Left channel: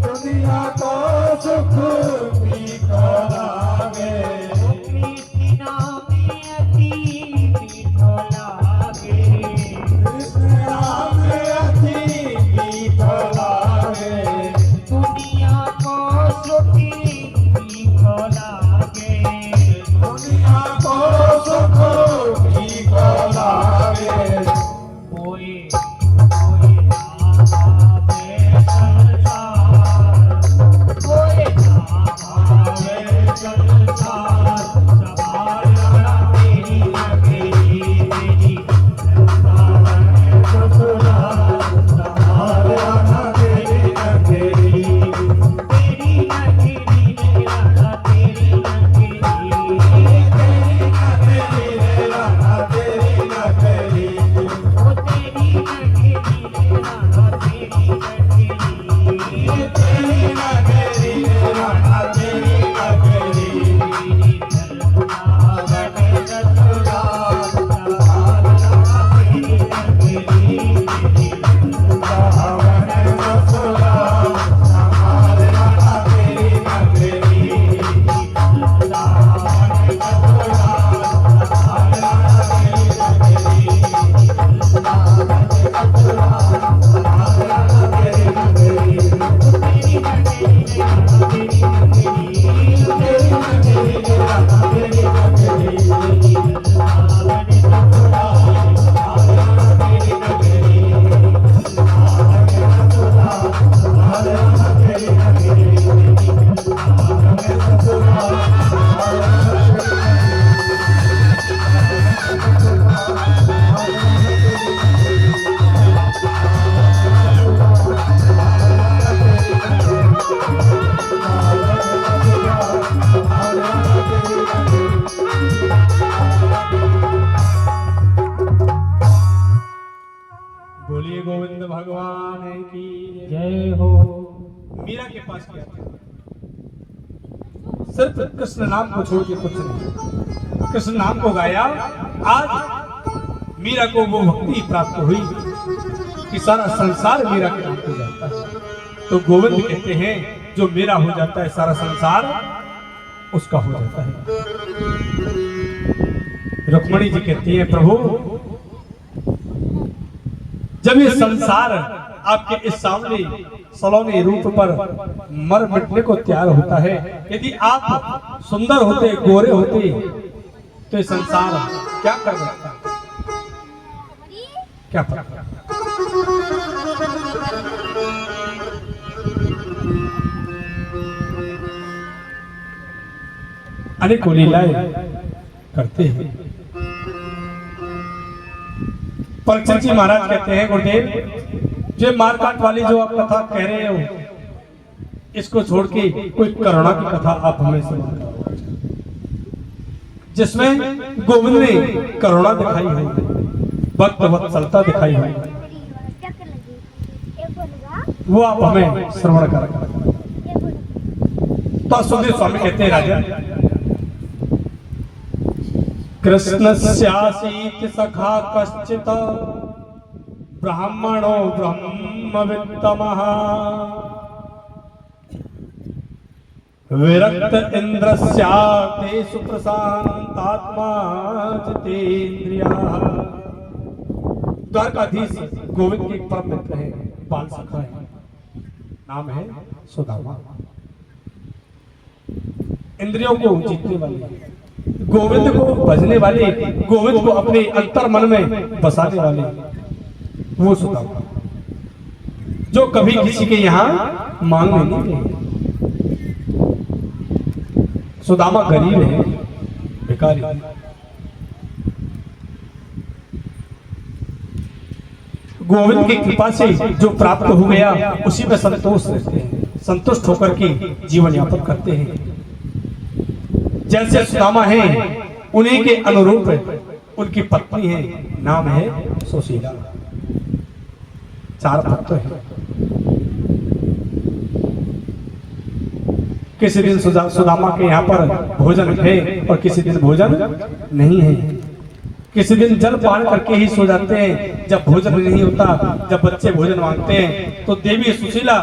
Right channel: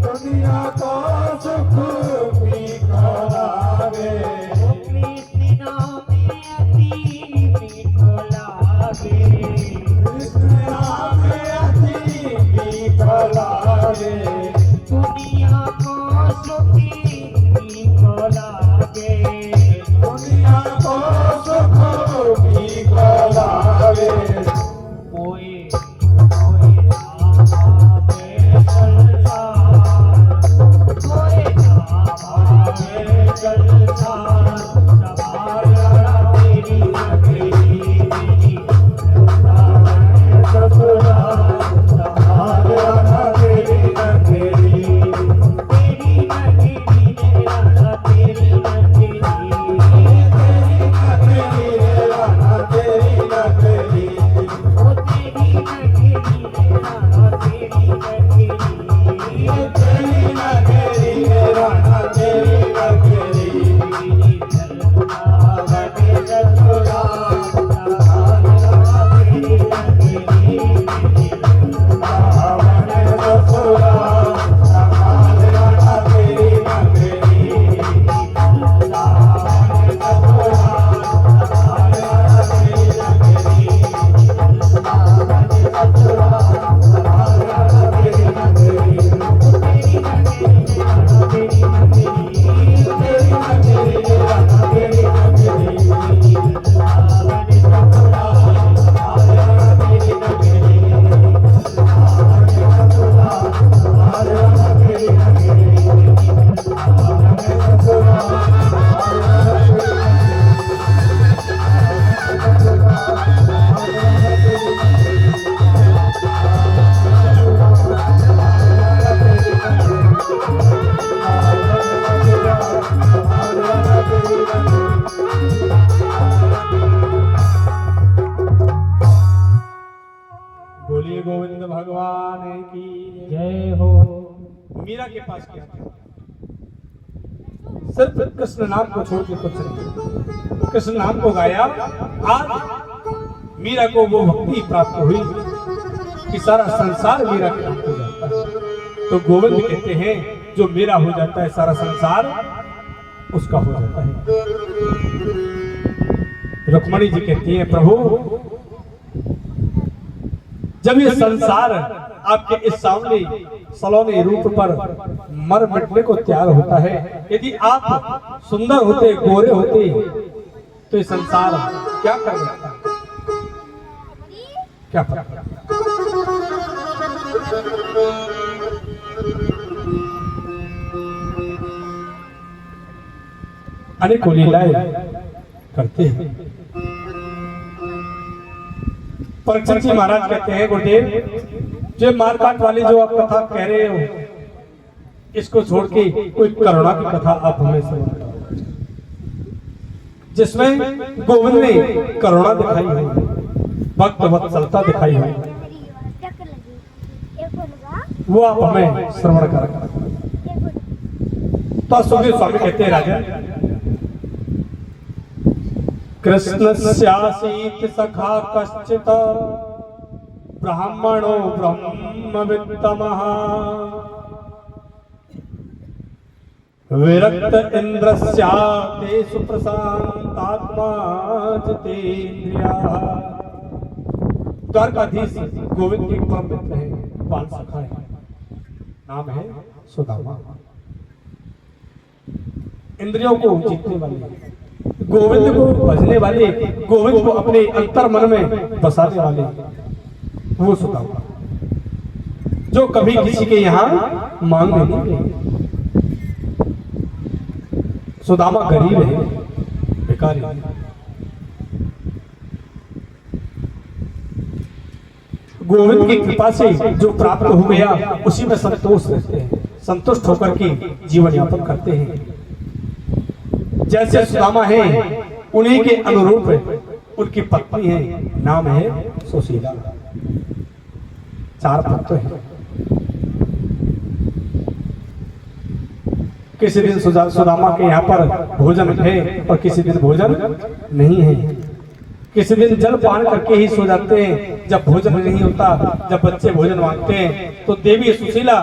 दुनिया को सुख मीठा लागे, कृष्ण में अति मीठो लागे, कृष्ण में अति मीठा लागे, दुनिया को सुख मीठो लागे, दुनिया को सुख मीठा लागे। कोई कोई आवे संसार, कोई आवे संसार, सवारा तेरी नगरी मेरी वृंदावन ससुरा, सवारा तेरी नगरी, तेरी नगरी मेरा तेरी नगरी, तेरी नगरी, ओ तेरी नगरी मेरा तेरी नगरी, तेरी नगरी, राधा तेरी नगरी, बोलिए गोविंद भगवान की जय हो। मीरा के पास क्या था? सिर्फ कृष्ण नाम को छोड़ के कुछ नहीं, कृष्ण नाम को गाया। आज मीरा को वो भक्ति प्राप्त हुई कि सारा संसार मीरा के नाम हो जाता है। तो गोविंद कहते हैं जो मेरा हो जाता है सारा संसार उसका हो जाता है। रुक्मणी जी कहती है प्रभु जब ये संसार आपके इस सामने सलोने रूप पर मर मिटने को तैयार होता है, यदि आप सुंदर होते गोरे होते तो ये संसार क्या कर सकता, क्या कर? अनेकों लीलाएं करते हैं। परीक्षित जी महाराज कहते हैं गुरुदेव जो मारकाट वाली जो आप कथा कह रहे हो इसको छोड़ के कोई करुणा की कथा आप हमें सुनाओ जिसमें गोविंद ने करुणा दिखाई है, भक्त वत्सलता दिखाई है, वो आप हमें श्रवण करें। तो सुखदेव स्वामी कहते हैं राजन कृष्णस्यासीत सखा कश्चित् ब्राह्मणो ब्रह्मवित्तमः विरक्त इंद्रस्याते सुप्रशांतात्मा जितेन्द्रियाः। द्वारकाधीश गोविंद के परम मित्र है, बाल सखा है, नाम है सुदामा। इंद्रियों को जीतने वाले, गोविंद को भजने वाले, गोविंद को अपने अंतर मन में बसाने वाले वो सुदामा जो कभी किसी के यहाँ मांगने नहीं गए। सुदामा गरीब है, भिखारी। गोविंद की कृपा से जो प्राप्त हो गया उसी में संतोष रहते हैं, संतुष्ट होकर के जीवन यापन करते हैं। जैसे सुदामा है उन्हीं के अनुरूप उनकी पत्नी है, नाम है सुशीला। 4 पुत्र हैं। किसी दिन सुदामा के यहाँ पर भोजन है और किसी दिन भोजन नहीं है। किसी दिन जल पान करके ही सो जाते हैं, जब भोजन नहीं होता, जब बच्चे भोजन मांगते हैं तो देवी सुशीला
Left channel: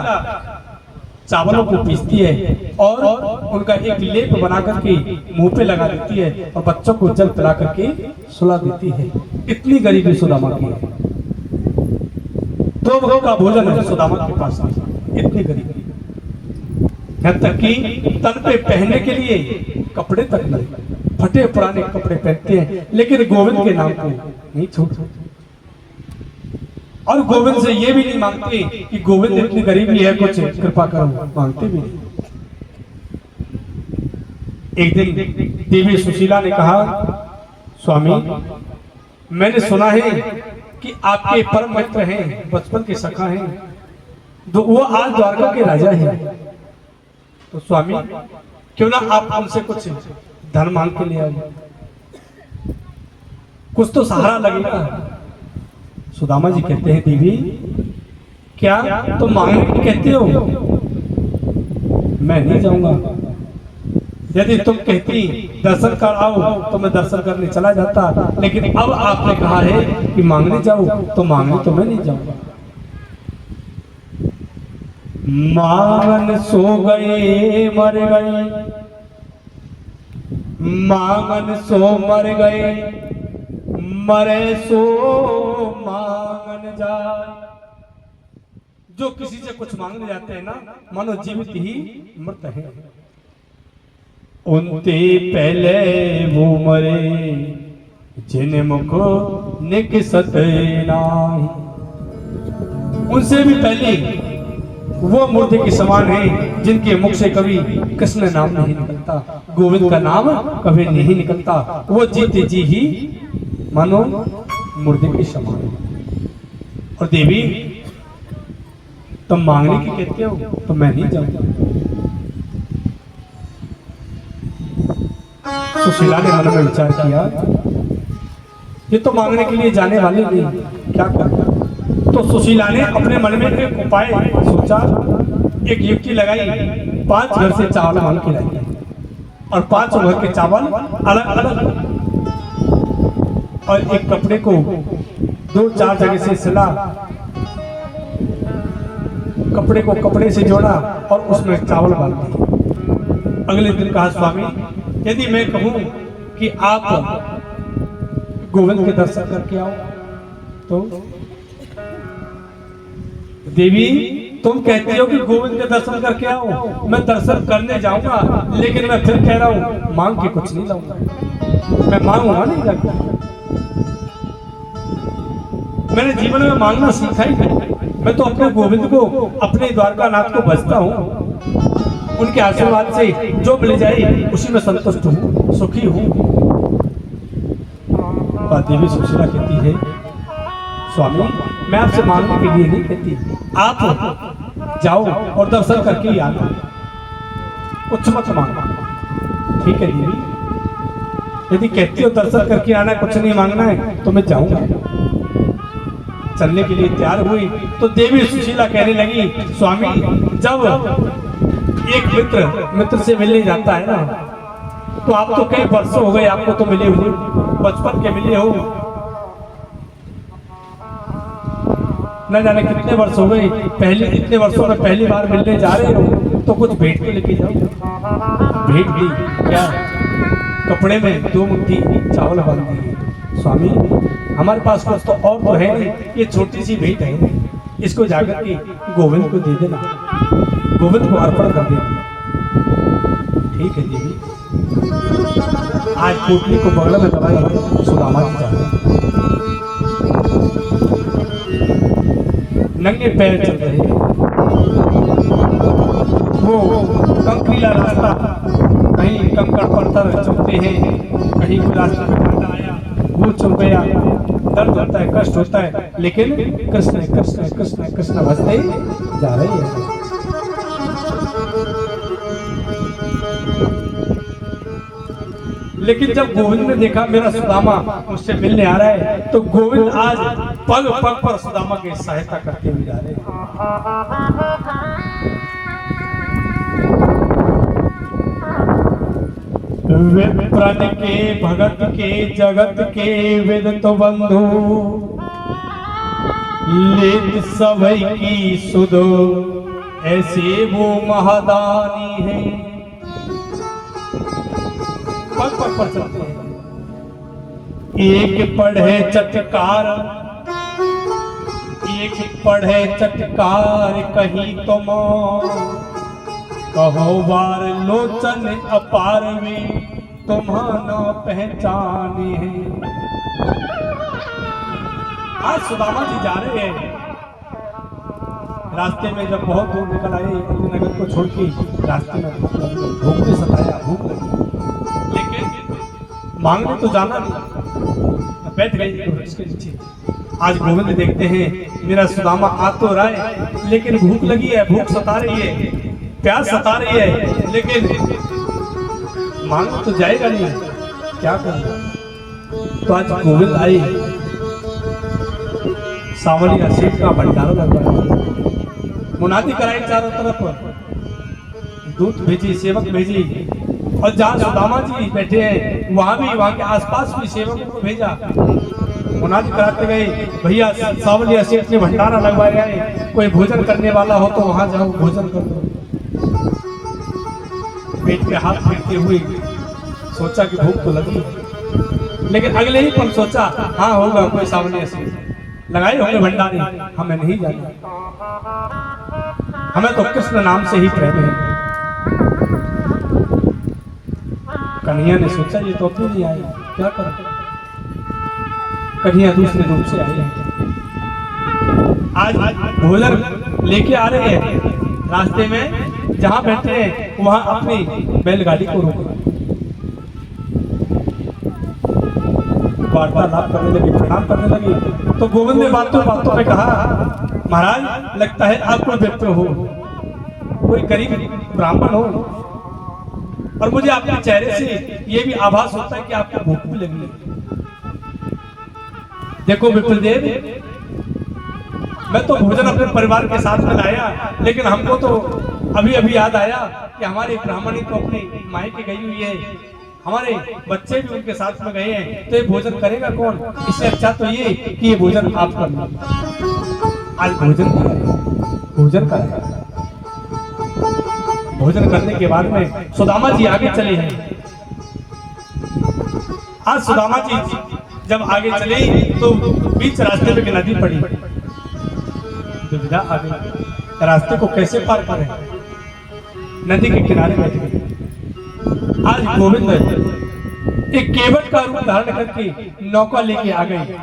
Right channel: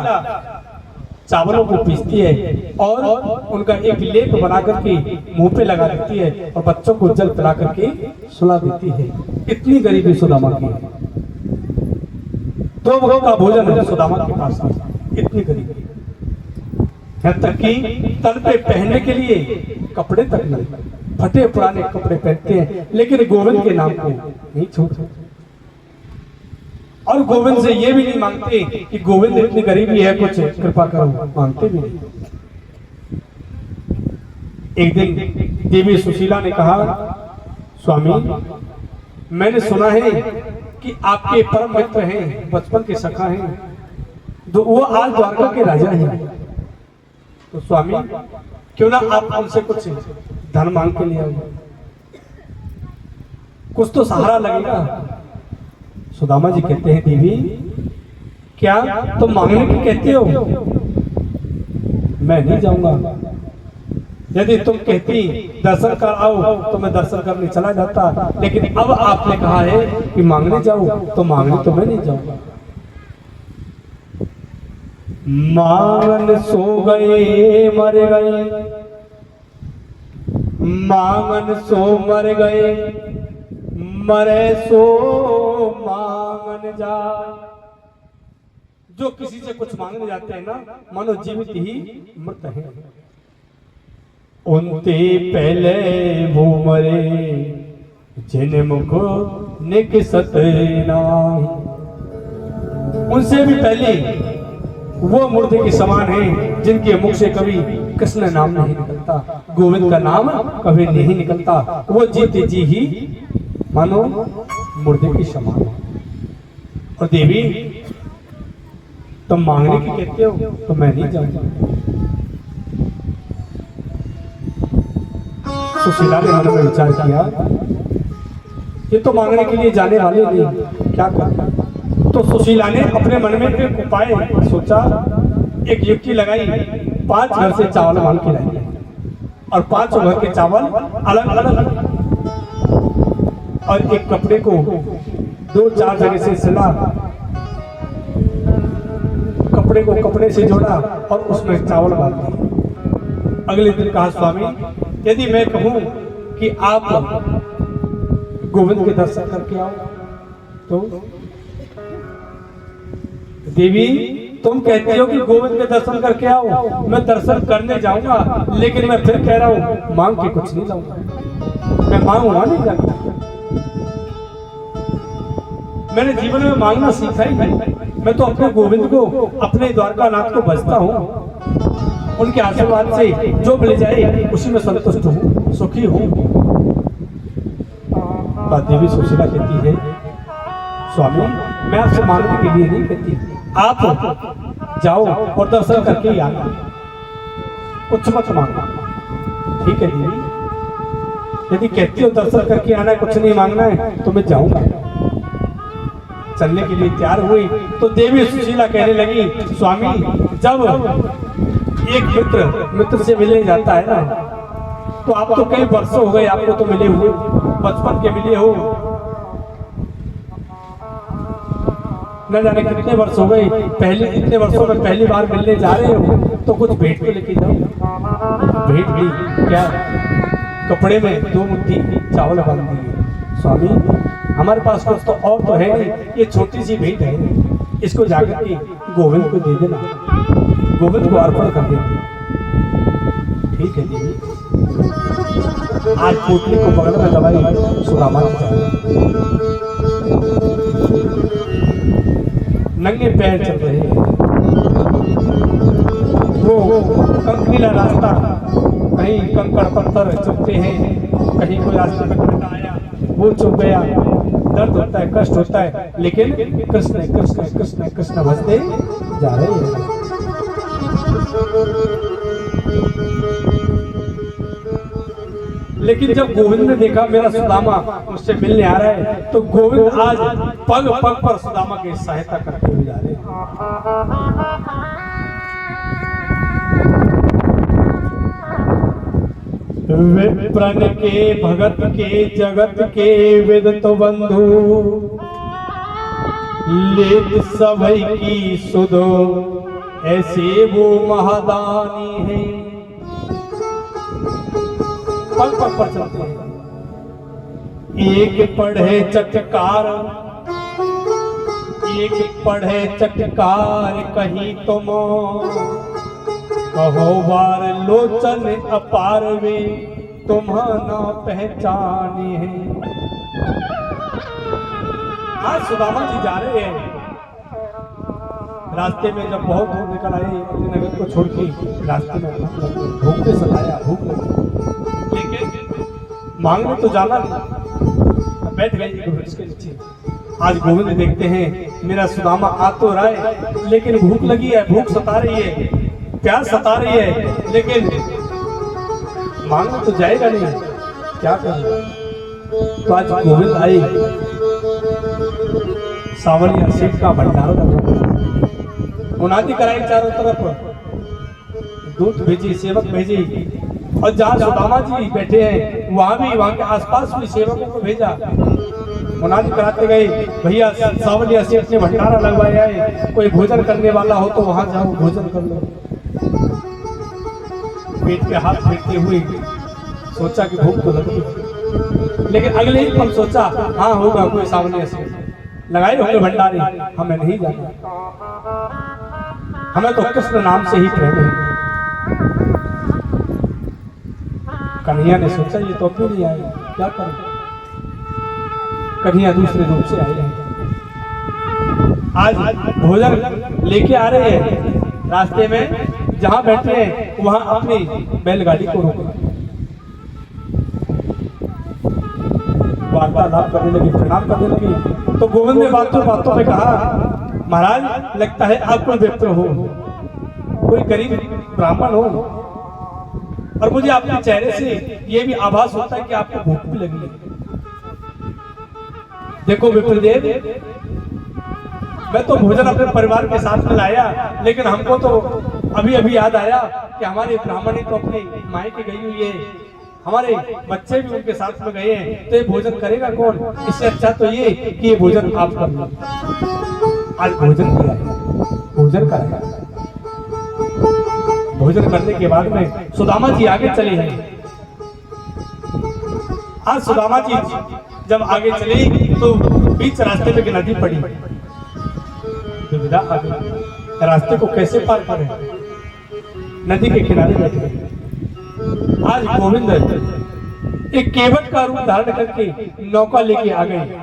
चावलों को पीसती है और उनका एक लेप बना करके मुंह पे लगा देती है और बच्चों को जल पिला करके सुला देती है। इतनी गरीबी सुदामा की है। 2 वक्त का भोजन है सुदामा के पास, इतनी गरीबी। यहाँ तक कि तन पे पहनने के लिए कपड़े तक नहीं, फटे पुराने कपड़े पहनते हैं, लेकिन गोविंद के नाम को नहीं छोड़ते। और गोविंद से ये भी नहीं मांगते कि गोविंद इतनी गरीबी है, कुछ कृपा करो, मांगते भी नहीं। एक दिन देवी सुशीला ने कहा, स्वामी मैंने सुना है कि आपके परम मित्र हैं, बचपन के सखा हैं, तो वो आज द्वारका के राजा हैं। तो स्वामी क्यों ना आप उनसे कुछ धन मांग के ले आओ, कुछ तो सहारा लगेगा। सुदामा जी कहते हैं, देवी क्या तुम मांगने की कहते हो? मैं नहीं जाऊंगा। यदि तुम कहती दर्शन कर आओ तो मैं दर्शन करने चला जाता, लेकिन अब आपने कहा है कि मांगने जाओ, तो मांगने तो मैं नहीं जाऊंगा। मांगन सो गए मर गए, मांगन सो मर गए, मरे सो मांगन जाए। जो किसी से कुछ मांगने जाते हैं ना, मानो जीवित ही मृत है। उनते पहले वो मरे, जन्म को निकसत नाही। उनसे भी पहले वो मुर्दे के समान है, जिनके मुख से कभी कृष्ण नाम नहीं निकलता, गोविंद का नाम कभी नहीं निकलता। वो जीते जी ही मानो मुर्दे के समान है। और देवी तुम मांगने की कहते हो तो मैं नहीं जाऊंगा। सुशीला ने मन में विचार किया, ये तो मांगने के लिए जाने वाले नहीं, क्या करना। तो सुशीला ने अपने मन में एक उपाय सोचा। एक युक्ति लगाई, 5 घर से चावल मांग के लाई और 5 घर के चावल अलग अलग, और एक कपड़े को 2-4 जगह से सिला, कपड़े को कपड़े से जोड़ा और उसमें चावल डाल दिए। अगले दिन कहा, स्वामी यदि मैं कहूं कि आप गोविंद के दर्शन करके आओ तो? देवी तुम कहती हो कि गोविंद के दर्शन करके आओ, मैं दर्शन करने जाऊंगा, लेकिन मैं फिर कह रहा हूं मांग के कुछ नहीं लाऊंगा, मैं मांगूंगा नहीं लगता। मैंने जीवन में मांगना सीखा ही नहीं। मैं तो अपने गोविंद को, अपने द्वारका नाथ को भजता हूँ, उनके आशीर्वाद से जो मिल जाए उसी में संतुष्ट हूँ, सुखी हूँ। देवी सुशीला कहती है, स्वामी मैं आपसे मांगने के लिए नहीं कहती, आप जाओ और दर्शन करके ही आना, कुछ मत मांगो। ठीक है देवी, यदि कहती हो दर्शन करके आना है, कुछ नहीं मांगना है, तो मैं जाऊंगा। चलने के लिए तैयार हुई तो देवी सुशीला कहने लगी, स्वामी जब एक मित्र से मिलने जाता है ना, तो आप तो कई वर्षों हो गए आपको तो मिले हुए, बचपन के मिले हो, न जाने कितने वर्ष हो गए, पहले इतने वर्षों में पहली बार मिलने जा रहे हो, तो कुछ भेंट के लेके जाओ। भेंट भी क्या, कपड़े में 2 मुट्ठी चावल बांध दिए। स्वामी हमारे पास कुछ तो और तो है नहीं, ये छोटी सी भेंट है, इसको जाकर के गोविंद को दे देना, गोविंद को अर्पण कर देना। ठीक है देवी। आज पोटली को बगल में दबाई, सुदामा जी जा रहे, नंगे पैर चल रहे, वो कंकरीला रास्ता, कहीं कंकड़ पत्थर चुभते हैं, कहीं कोई रास्ते में कांटा आया वो चुभ गया, दर्द होता है, कष्ट होता है, लेकिन कृष्ण कृष्ण कृष्ण कृष्ण भजते जा रहे हैं। लेकिन जब गोविंद ने देखा मेरा सुदामा मुझसे मिलने आ रहा है, तो गोविंद आज पग पग पर सुदामा की सहायता करते हुए जा रहे हैं। विप्रण के भगत के जगत के विदित बंधु, लेत सभई की सुधो ऐसे वो महादानी है, पग पग पर चलते हैं। एक पढ़े चटकार, एक पढ़े चटकार कहीं तो कहो बार लोचन अपार वे तुम्हारा पहचानी है। आज सुदामा जी जा रहे हैं, रास्ते में जब बहुत दूर निकल आए अपने नगर को छोड़ के, रास्ते में भूख ने सताया, भूख लगी, लेकिन मांगने तो जाना नहीं, बैठ गए वृक्ष के नीचे। आज गोविंद देखते हैं मेरा सुदामा आ तो रहा है, लेकिन भूख लगी है, भूख सता रही है, प्यास सता रही है, लेकिन मांगने तो जाएगा नहीं, क्या करें। तो आज गोविंद आए, सावलिया सेठ का भंडारा लगा, मुनादी कराई चारों तरफ, दूत भेजी, सेवक भेजी, और जहाँ सुदामा जी बैठे हैं वहां के आसपास भी सेवकों को भेजा, मुनादी कराते गए, भैया सावलिया सेठ ने भंडारा लगवाया है, कोई भोजन करने वाला हो तो वहां जाओ भोजन कर लो। पेट पे हाथ फेरते हुए सोचा कि भूख तो लगी, लेकिन अगले ही पल सोचा हाँ होगा कोई सावलिया सेठ लगाए होंगे भंडारे, हमें नहीं जाना, हमें तो कृष्ण नाम से ही प्रेम है। कन्हैया ने सोचा ये तो क्यों नहीं आए, क्या करें। कन्हैया दूसरे रूप से आए हैं, आज भोजन लेके आ रहे हैं, रास्ते में जहां बैठे हैं वहां अपनी बैलगाड़ी को रोका, वार्तालाप करने लगे, प्रणाम करने लगे। तो गोविंद ने बातों बातों में कहा महाराज लगता है आप कोई व्यक्ति हो, कोई गरीब ब्राह्मण हो, और मुझे आपके चेहरे से ये भी आभास होता है कि आपको भूख भी लगी है। देखो विप्रदेव, मैं तो भोजन अपने परिवार के साथ में लाया, लेकिन हमको तो अभी अभी याद आया कि हमारे ब्राह्मणी तो अपनी मायके गई हुई है, हमारे बच्चे भी उनके साथ में गए हैं, तो ये भोजन करेगा कौन। इससे अच्छा तो ये कि ये भोजन आप कर लो। आज भोजन किया है, भोजन करेगा। भोजन करने के बाद में सुदामा जी आगे चले हैं। आज सुदामा जी जब आगे चले तो बीच रास्ते में एक नदी पड़ी, दुविधा आ गई, रास्ते को कैसे पार करें। नदी के किनारे बैठ गए। आज गोविंद एक केवट का रूप धारण करके नौका लेके आ गए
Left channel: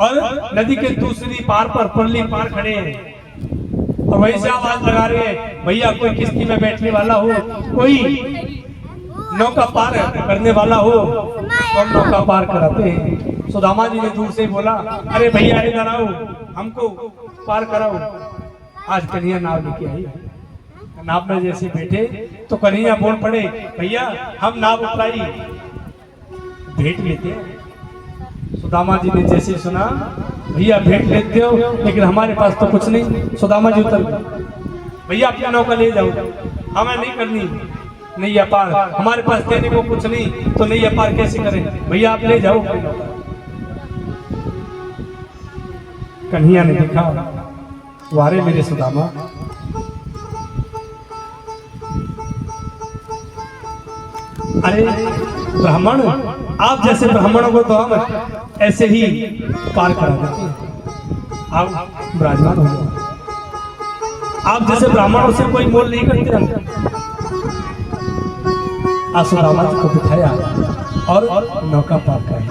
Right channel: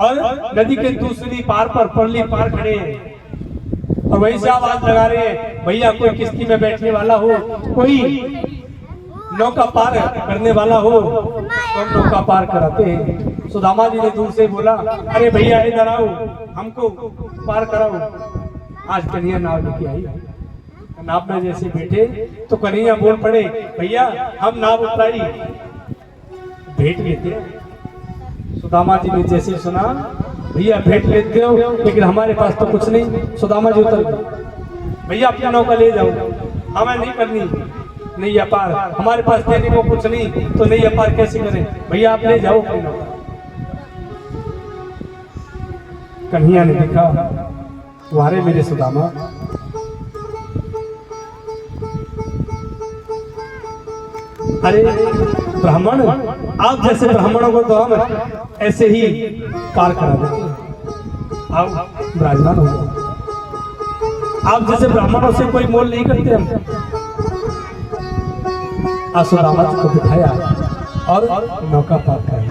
और नदी के दूसरी पार पर परली पार खड़े हैं, और वहीं से आवाज लगा रहे हैं भैया कोई किश्ती में बैठने वाला हो, कोई नौका पार करने वाला हो, और नौका पार कराते हैं। सुदामा जी ने दूर से बोला अरे भैया इधर आओ, हमको पार कराओ। आज कन्हैया नाव लेके आई, नाव में जैसे बैठे तो कन्हैया बोल पड़े भैया हम नाव उतराई, भेंट लेते हैं। सुदामा जी ने जैसे सुना भैया भेंट लेते हो, लेकिन हमारे पास तो कुछ नहीं। सुदामा जी उतर गए, भैया अपना नौका ले जाओ, हमें नहीं करनी नैया पार, हमारे पास देने को कुछ नहीं, तो नैया पार कैसे करें, भैया आप ले जाओ। कन्हैया ने देखा वारे मेरे सुदामा, अरे ब्राह्मण, आप जैसे ब्राह्मणों को तो हम ऐसे ही पार करा देते हैं, आप विराजमान हो जाओ। आप जैसे ब्राह्मणों से कोई मोल नहीं करते हम। सुदामा जी को बिठाया और नौका पार कराई।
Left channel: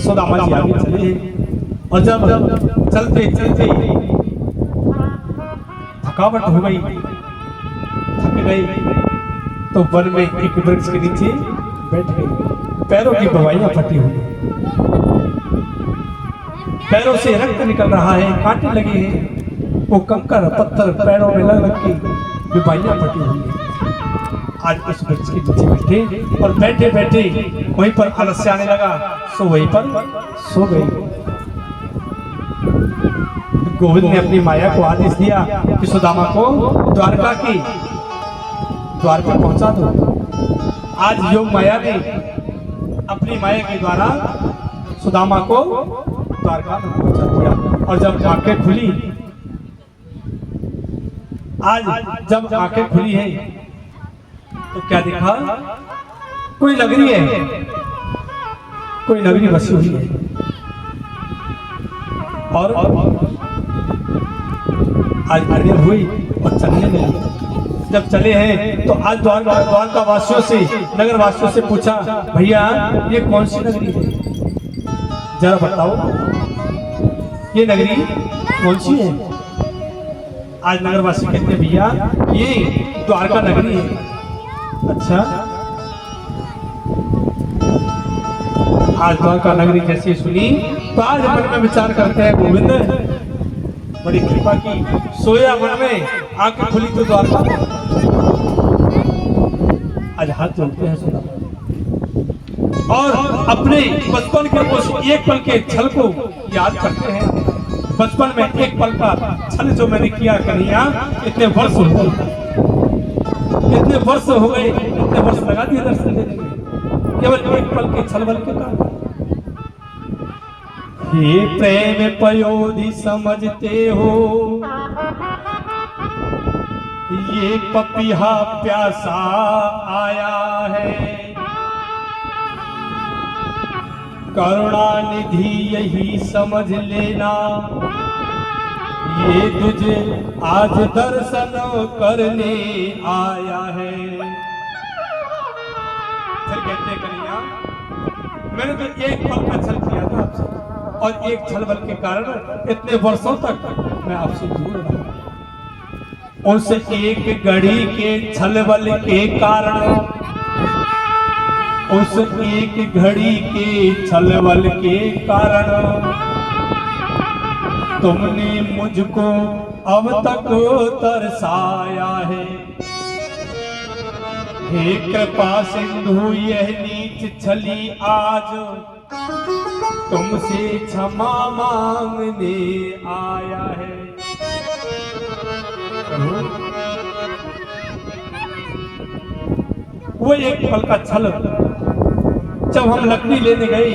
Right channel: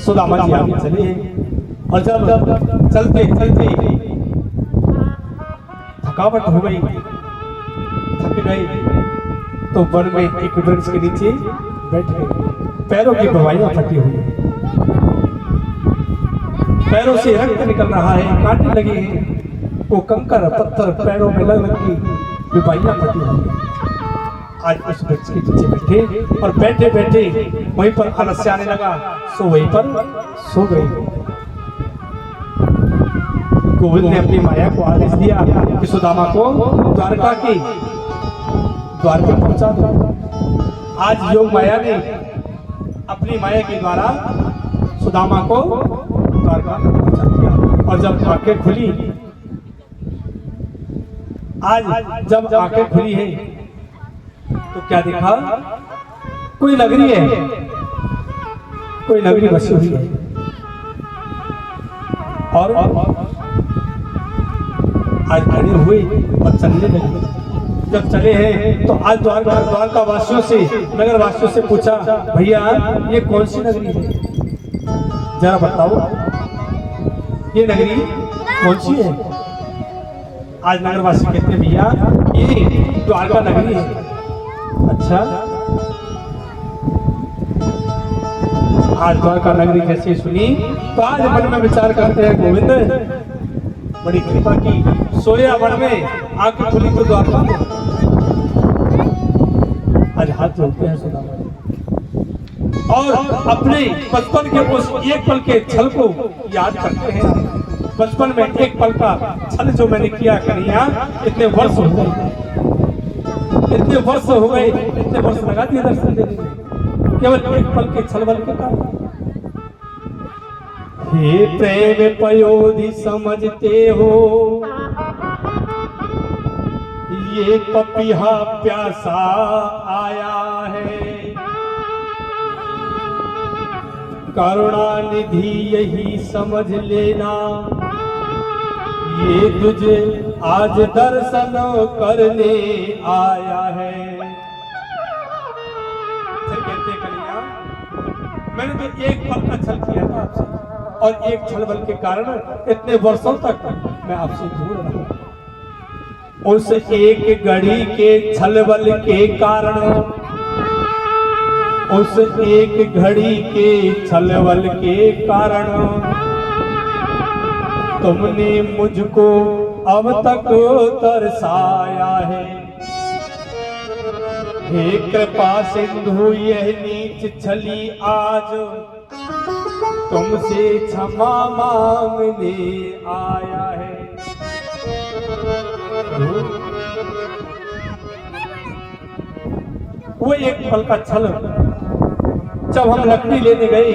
सुदामा जी आगे चले हैं, और जब चलते चलते थकावट हो गई, थक गए, तो वन में एक वृक्ष के नीचे बैठ गए। पैरों की बवाइयां फटी हुई, पैरों से रक्त निकल रहा है, कांटे लगे हैं, वो कंकर पत्थर पैरों में लग के बीमारियां फटी हुई है। आज उस वृक्ष के नीचे बैठे और बैठे बैठे वहीं पर आलस्य आने लगा, सो वहीं पर सो गई। गोविंद ने अपनी माया को आदेश दिया कि सुदामा को द्वारका की द्वारका पहुंचा दो। आज योग माया ने अपनी माया के द्वारा सुदामा को द्वारका में पहुंचा दिया। और जब आंखें खुली, आज जब आंखें खुली है तो क्या देखा? कोई नगरी है, कोई नगरी बसी हुई है। और आज खड़े हुए और चलने लगे। जब चले हैं तो आज द्वारका वासियों से, नगर वासियों से पूछा, भैया ये कौन सी नगरी है, जरा बताओ ये नगरी कौन सी है? आज नगरवासी कहते हैं, भैया ये द्वारका नगरी है। अच्छा, आज द्वारका नगरी जैसे सुनी तो आज मन में विचार करते हैं, गोविंद बड़ी कृपा की, सोया वन में आंखें खुली तो द्वारका में। आज हाथ जोड़ते हैं सुदामा और अपने बचपन के उस एक पल के छल को याद करते हैं। बचपन में एक पल का छल जो मैंने किया कन्हैया, इतने वर्ष हो गए, इतने वर्ष हो गए, इतने वर्ष लगा दिए दर्शन देने में, केवल एक पल के छल बल के कारण। हे प्रेम पयोधि समझते हो, ये पपीहा प्यासा आया है, करुणा निधि यही समझ लेना, ये तुझे आज दर्शन करने आया है। फिर कहते कन्हैया, मैंने तो एक पल का छल किया था आपसे, और एक छल बल के कारण इतने वर्षों तक मैं आपसे दूर रहा। उस एक घड़ी के छल बल के कारण, उस एक घड़ी के छल बल के कारण तुमने मुझको अब तक तरसाया है। हे कृपा सिंधु यह नीच छली आज तुमसे क्षमा मांगने आया है। वो एक पल का छल, जब हम लकड़ी लेने गए,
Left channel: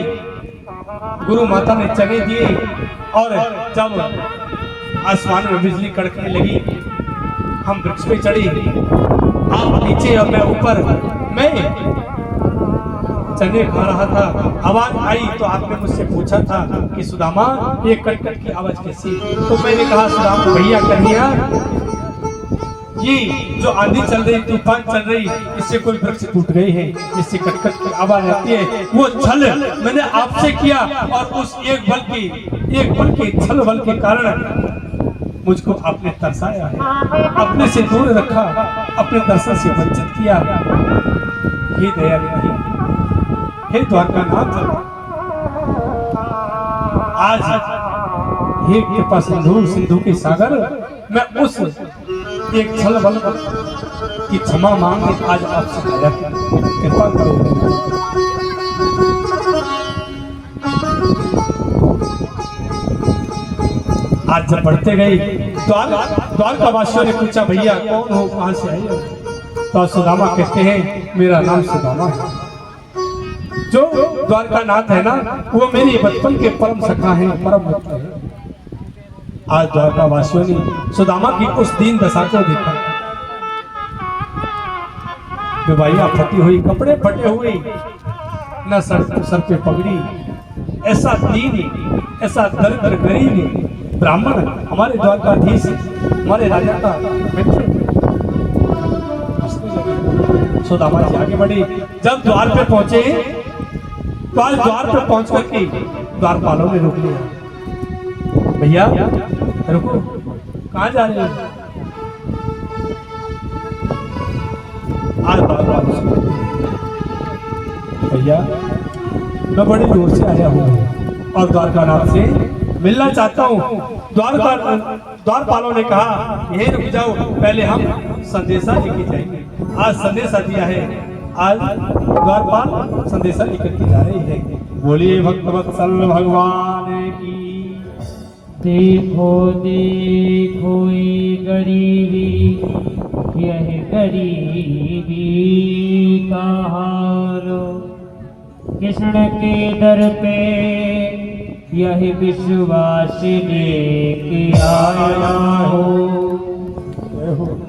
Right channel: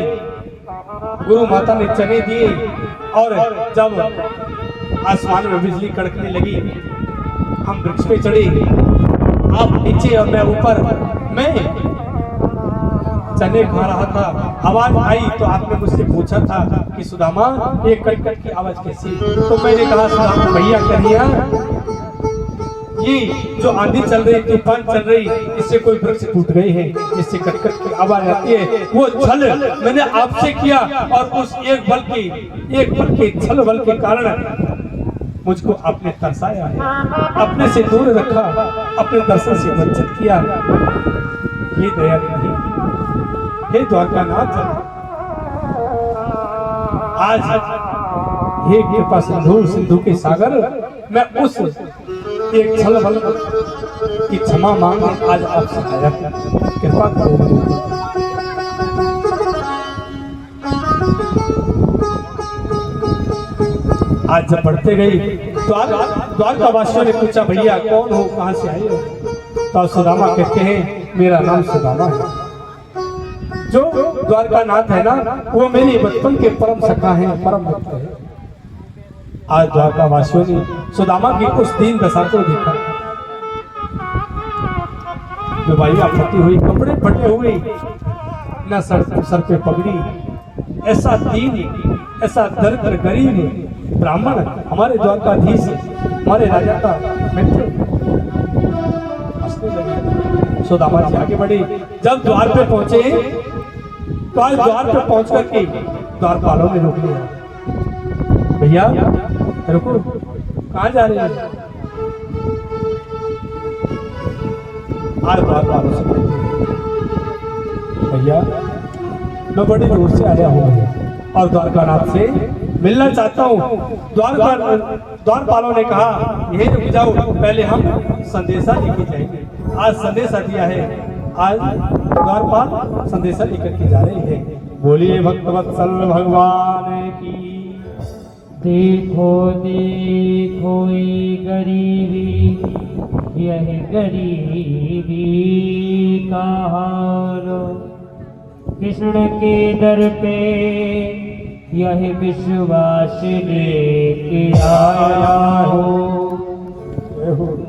गुरु माता ने चने दिए, और जब आसमान में बिजली कड़कने लगी, हम वृक्ष पे चढ़े, आप नीचे और मैं ऊपर। मैं चने खा रहा था, आवाज आई तो आपने मुझसे पूछा था कि सुदामा ये कटकट की आवाज कैसी? तो मैंने कहा, सुदामा भैया कन्हैया, ये जो आंधी चल रही, तूफान चल रही, इससे कोई वृक्ष टूट गए हैं, इससे कटकट की आवाज आती है। वो छल मैंने आपसे किया, और उस एक पल के छल बल के कारण मुझको आपने तरसाया है, अपने से दूर रखा, अपने दर्शन से वंचित किया। हे दया निधि, हे द्वारकानाथ, आज हे कृपा सिंधु के सागर, मैं उस एक छल बल की क्षमा मांगने आज आपसे आया, कृपा करो। आज जब बढ़ते गए, द्वारका वासियों ने पूछा, भैया कौन हो, कहां से आए हो? तो सुदामा कहते हैं, मेरा नाम सुदामा है। जो द्वारकानाथ है ना, वो मेरे बचपन के परम सखा हैं, परम भक्त हैं। आज द्वारका वासियों ने सुदामा की उस दीन दशा को देखा, बेवाइया फटी हुई, कपड़े फटे हुए, न सर पे पगड़ी, ऐसा दीन, ऐसा दरिद्र गरीब ब्राह्मण हमारे द्वारकाधीश, हमारे राजा का मित्र हंसने लगे। सुदामा जी आगे बढ़े, जब द्वार पे पहुंचे तो आज द्वार पे पहुंच करके द्वारपालों ने रोक लिया, भैया रुको, कहाँ जा रहे हैं? आज द्वारपालों से भैया मैं बड़ी दूर से आया हूँ और द्वारकानाथ से मिलना चाहता हूँ। द्वारपालों ने कहा, यही रुक जाओ, पहले हम संदेशा लेके जाएंगे। आज संदेशा दिया है, आज द्वारपाल संदेशा लेकर के जा रहे हैं। बोलिए भक्तवत्सल भगवान की। देखो देखो ये गरीबी, यह गरीबी का हाल, किस कृष्ण के दर पे यह विश्वास लेके आया हूँ।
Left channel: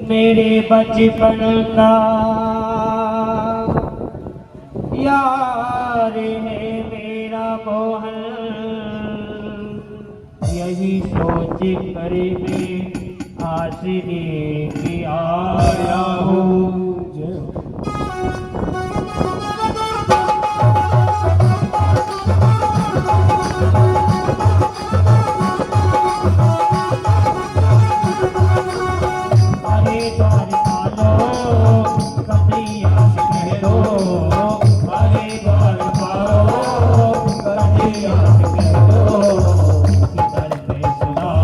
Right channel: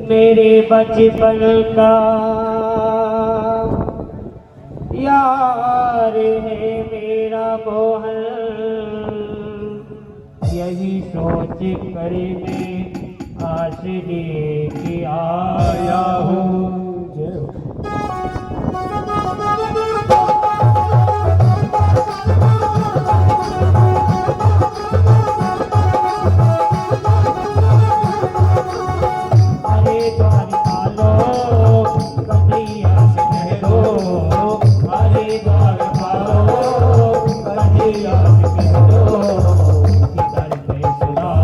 मेरे बचपन का यार है मेरा मोहन, यही सोच कर मैं आस लेके आया हूँ। जय हो। अरे द्वारका लो कन्हैया से कह दो, अरे द्वारका लो कन्हैया से कह दो, किधर पे सुना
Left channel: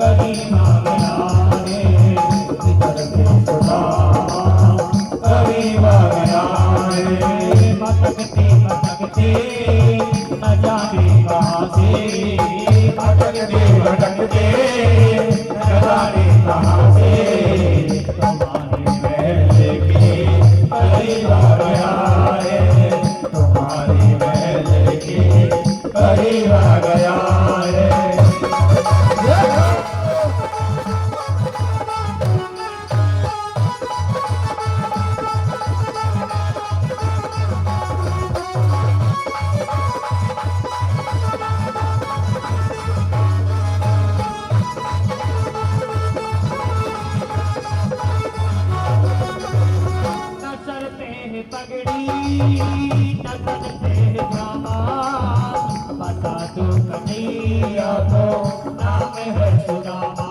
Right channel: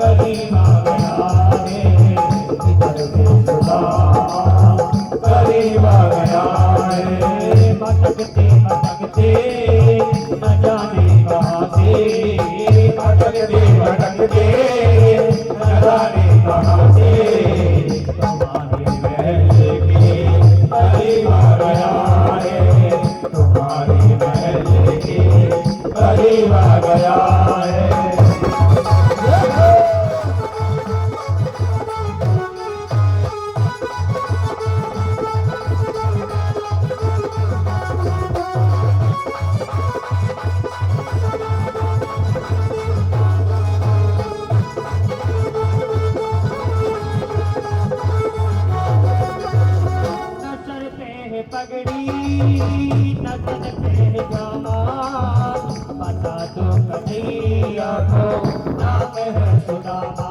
गरीब आ गया है, किधर पे सुना गरीब आ गया है। भटकते भटकते न जाने कहाँ से, भटकते भटकते न जाने कहाँ से, तुम्हारे महल के करीब आ गया है, तुम्हारे महल के करीब आ गया है। न सर पे है पगड़ी न तन पे है जामा, बता दो कन्हैया को नाम है सुदामा,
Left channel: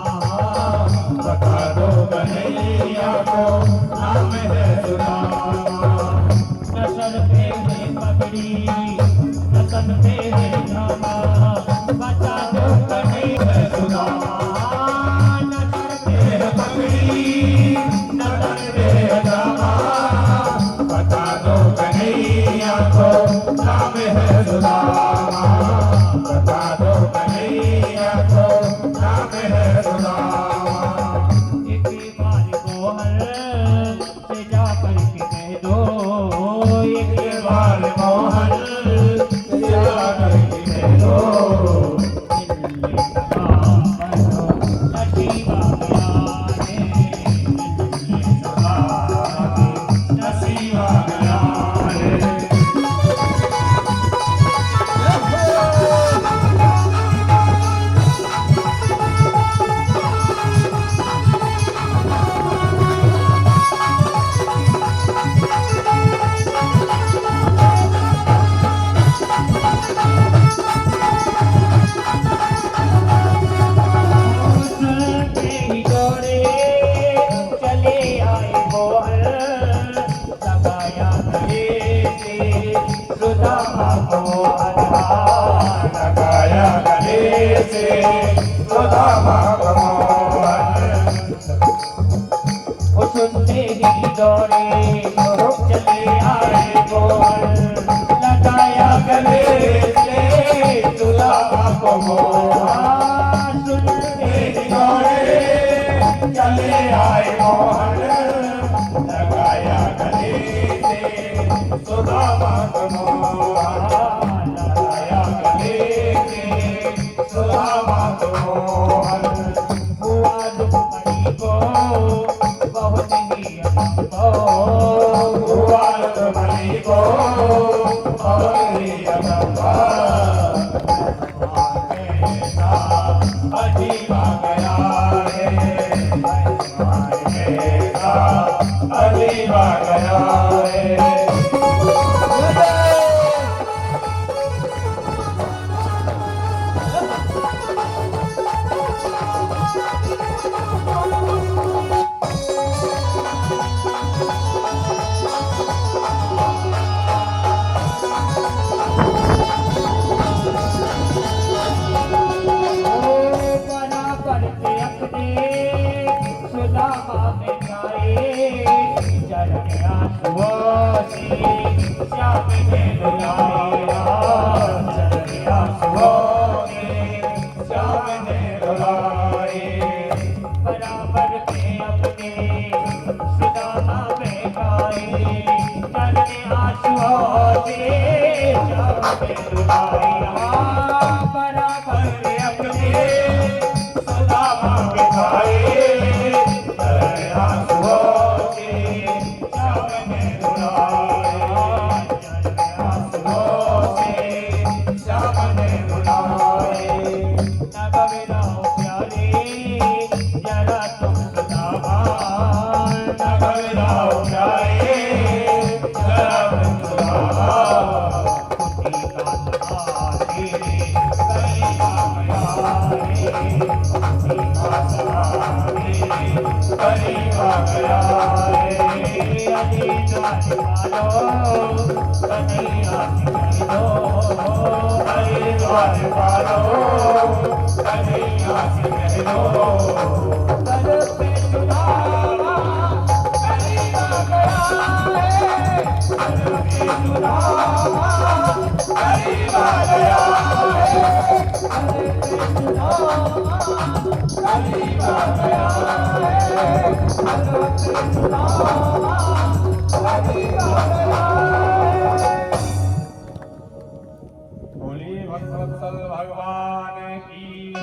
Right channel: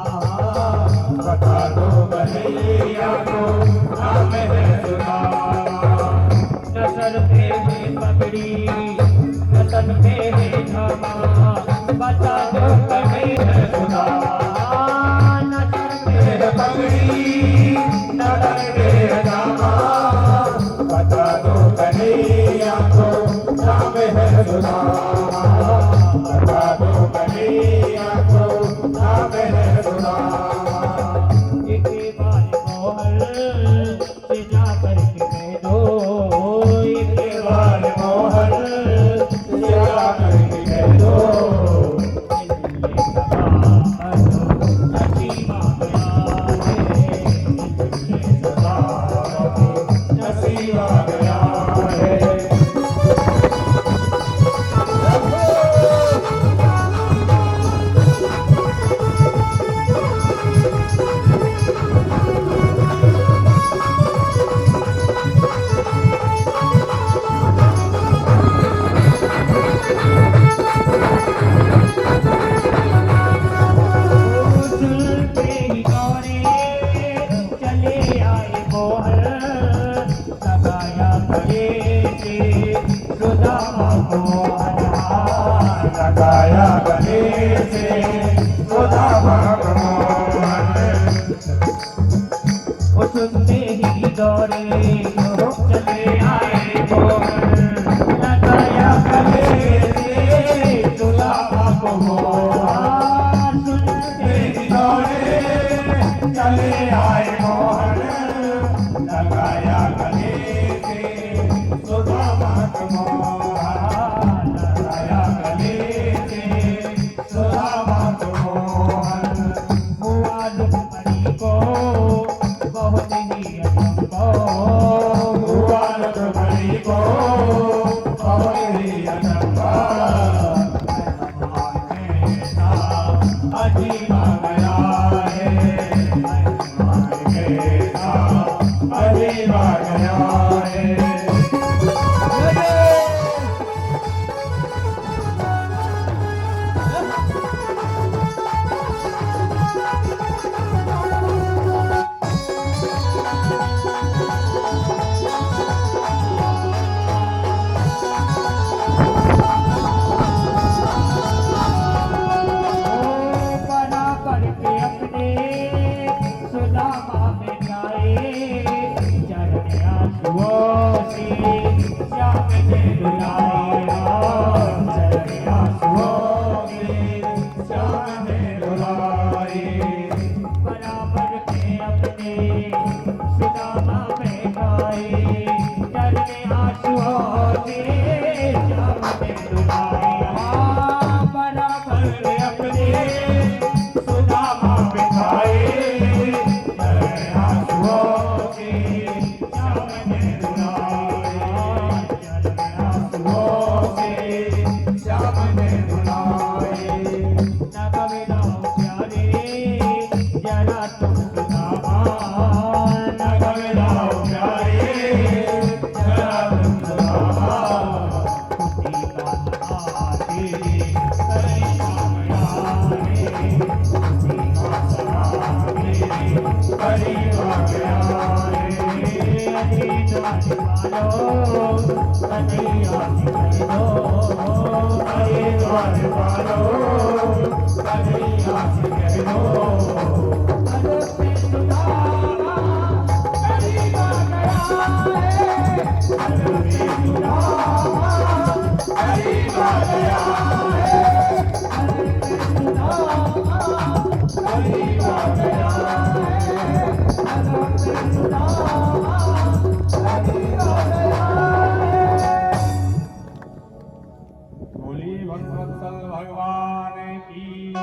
बता दो कन्हैया को नाम है सुदामा। न सर पे है पगड़ी न तन पे है जामा, बता दो कन्हैया है सुदामा। न सर पे है पगड़ी न तन पे है जामा, बता दो कन्हैया को नाम है सुदामा, बता दो कन्हैया को नाम है सुदामा। एक बार मोहन से जा करके कह दो, एक बार मोहन से जा करके कह दो, मिलने का नसीब आ गया है, मिलने का नसीब आ गया है। सुनते ही दौड़े चले आए मोहन, लगाया गले से सुदामा को हाथ, लगाया गले से सुदामा को हाथ। वो सुनते ही दौड़े चले आए मोहन, लगाया गले से सुदामा को हाथ। सुनते ही दौड़े चले आए मोहन, लगाया गले से सुदामा को हाथ, लगाया गले से सुदामा को हाथ। हुआ दुखड़ी को बहुत ही हमको, हुआ दुखड़ी को बहुत ही हमको, अजीब आ गया है, अजीब आ गया है। बना बोलिए भक्तवत्सल भगवान की।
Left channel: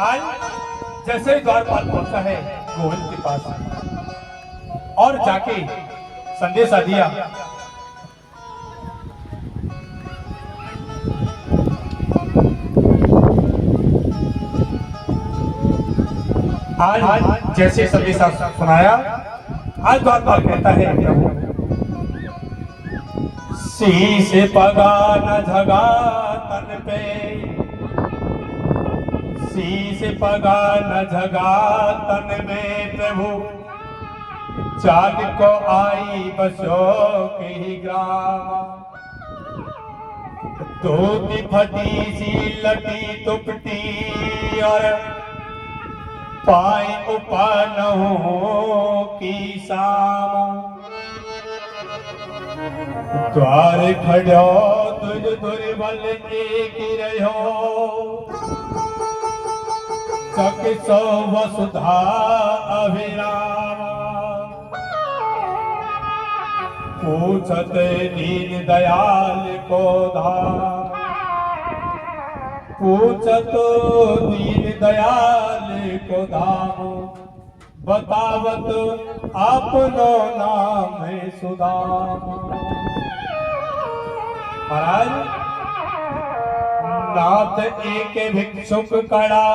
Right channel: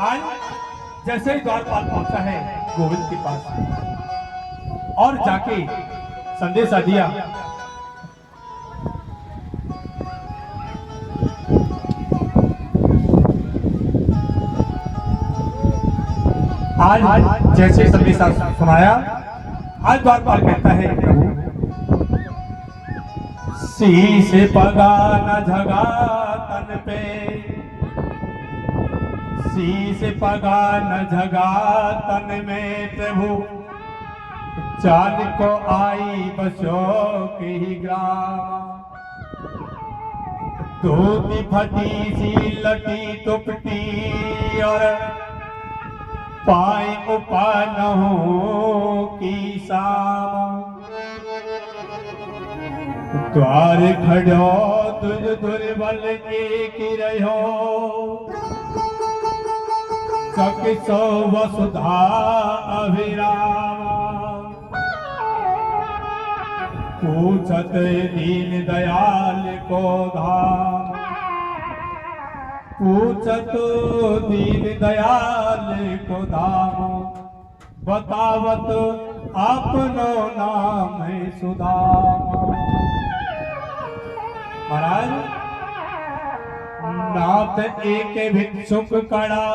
आज जैसे ही द्वारपाल पहुंचा है गोविंद के पास और जाके संदेशा दिया, आज जैसे संदेशा सुनाया, आज द्वारपाल कहता है प्रभु सी से पगा न झगा तन पे, सी से पगा न झगा तन में प्रभु, चांद को आई बसो की ग्राम, धोती फटी सी लटी तुपटी और पाई उपनहु की साम, द्वार खड़ो तुझ दुर्बल एक रहो, सो वसुधा अभिराम, पूछत दीन दयाल को धाम, पूछत दीन दयाल को धाम, बतावत अपनो नाम सुदाम। महाराज नाथ एक भिक्षुक कड़ा,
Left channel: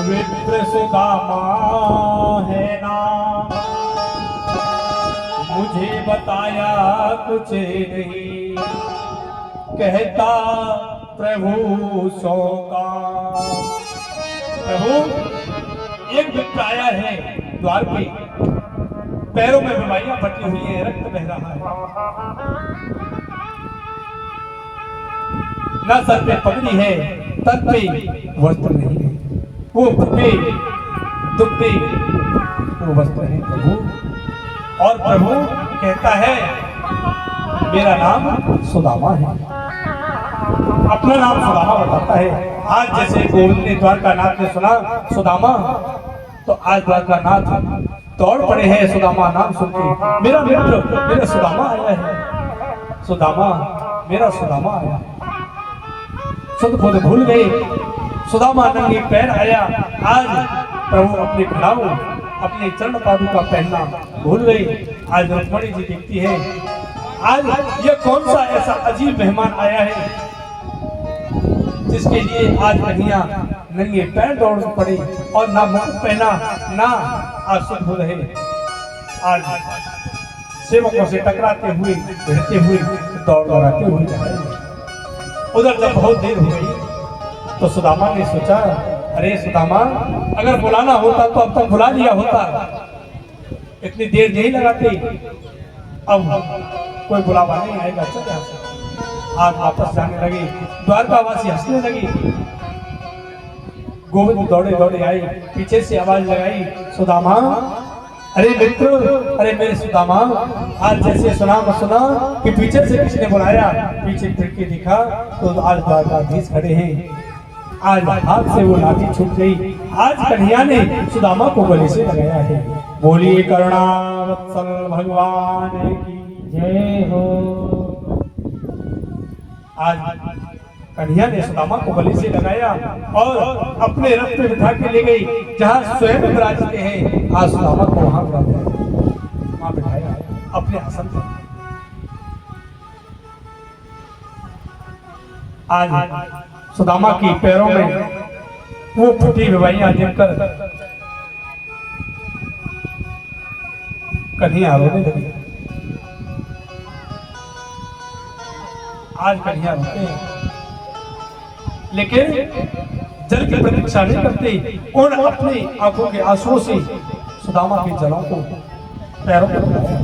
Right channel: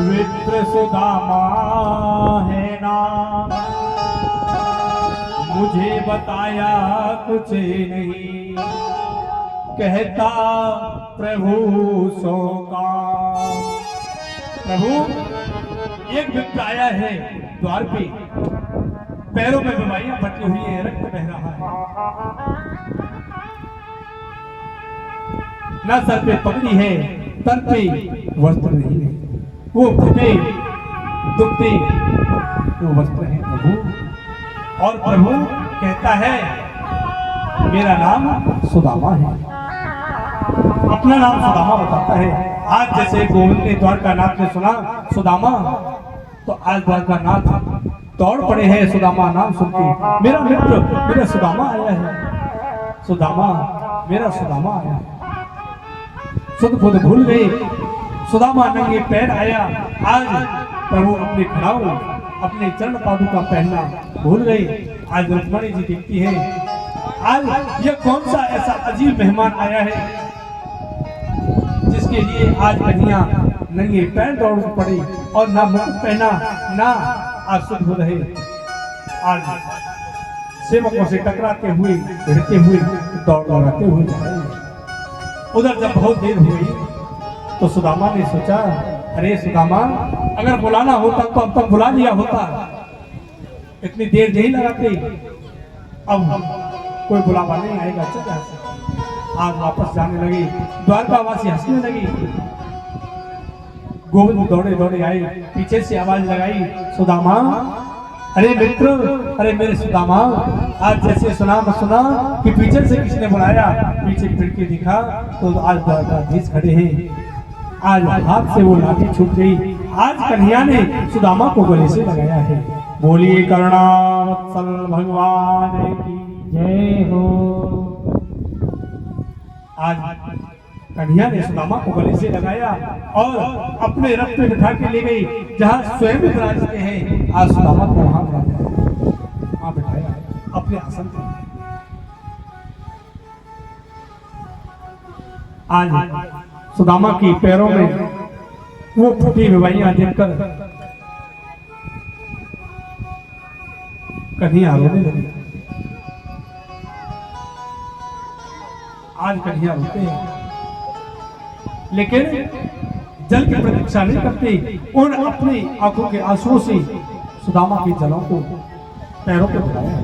विप्र सुदामा है नाम, मुझे बताया कुछ नहीं, कहता प्रभु सो का। प्रभु एक विप्र आया है द्वार पे, पैरों में बीमारियां बटी हुई है, रक्त बह रहा है, न सर पे पगड़ी है, तन पे वस्त्र नहीं है, वो दुबे दुबे वो वस्त्र है प्रभु। और प्रभु कहता है मेरा नाम सुदामा है, अपना नाम सुदामा बताता है। आज जैसे गोविंद ने द्वारकानाथ ने सुना सुदामा, तो आज द्वारकानाथ दौड़ पड़े हैं सुदामा नाम सुनते, मेरा मित्र मेरा सुदामा आया है, सुदामा मेरा सुदामा आया। खुद खुद भूल गए, सुदामा नंगे पैर आया। आज प्रभु अपने खड़ाऊ अपने चरण पादुका पहनना भूल गए। आज रुक्मणी जी देखती है, आज ये कौन सा ऐसा अजीब मेहमान आया है जिसके लिए आज कन्हैया नंगे पैर दौड़ पड़े और ना मुकुट पहना ना आशुद्ध हो रहे। आज सेवकों से टकराते हुए भिड़ते हुए दौड़ दौड़ाते हुए जा रहे हैं। उधर जब बहुत देर हो गई तो सुदामा ने सोचा, अरे सुदामा अगर बुलाना होता तो अब तक बुला लिया होता, इतनी देर नहीं लगाते, अब कोई बुलावा नहीं आएगा, चल यहाँ से। आज वापस जाने लगे, द्वारकावासी हंसने लगी। गोविंद दौड़े दौड़े आए, पीछे से आवाज लगाई, सुदामा अरे मित्र, अरे मेरे सुदामा, आज जैसे सुना कि पीछे से किसने बुलाया, पीछे फिर के दिखा तो आज द्वारकाधीश खड़े हैं। आज हाथ से वो लाठी छूट गई। आज कन्हैया ने सुदामा को गले से लगाया है। बोलिए करुणावत्सल भगवान की जय हो। आज कन्हैया ने सुदामा को गले से लगाया और अपने रथ में बिठा के ले गई जहाँ स्वयं विराजते हैं। आज सुदामा को वहां बिठाया अपने आसन पर। आज सुदामा की पैरों में वो फटी विवाहियां देखकर कन्हैया रोने लगी। आज कन्हैया रोते हैं। लेकिन जल की प्रतीक्षा नहीं करते और अपनी आंखों के आंसुओं से सुदामा की जलों को पैरों पर उठाया।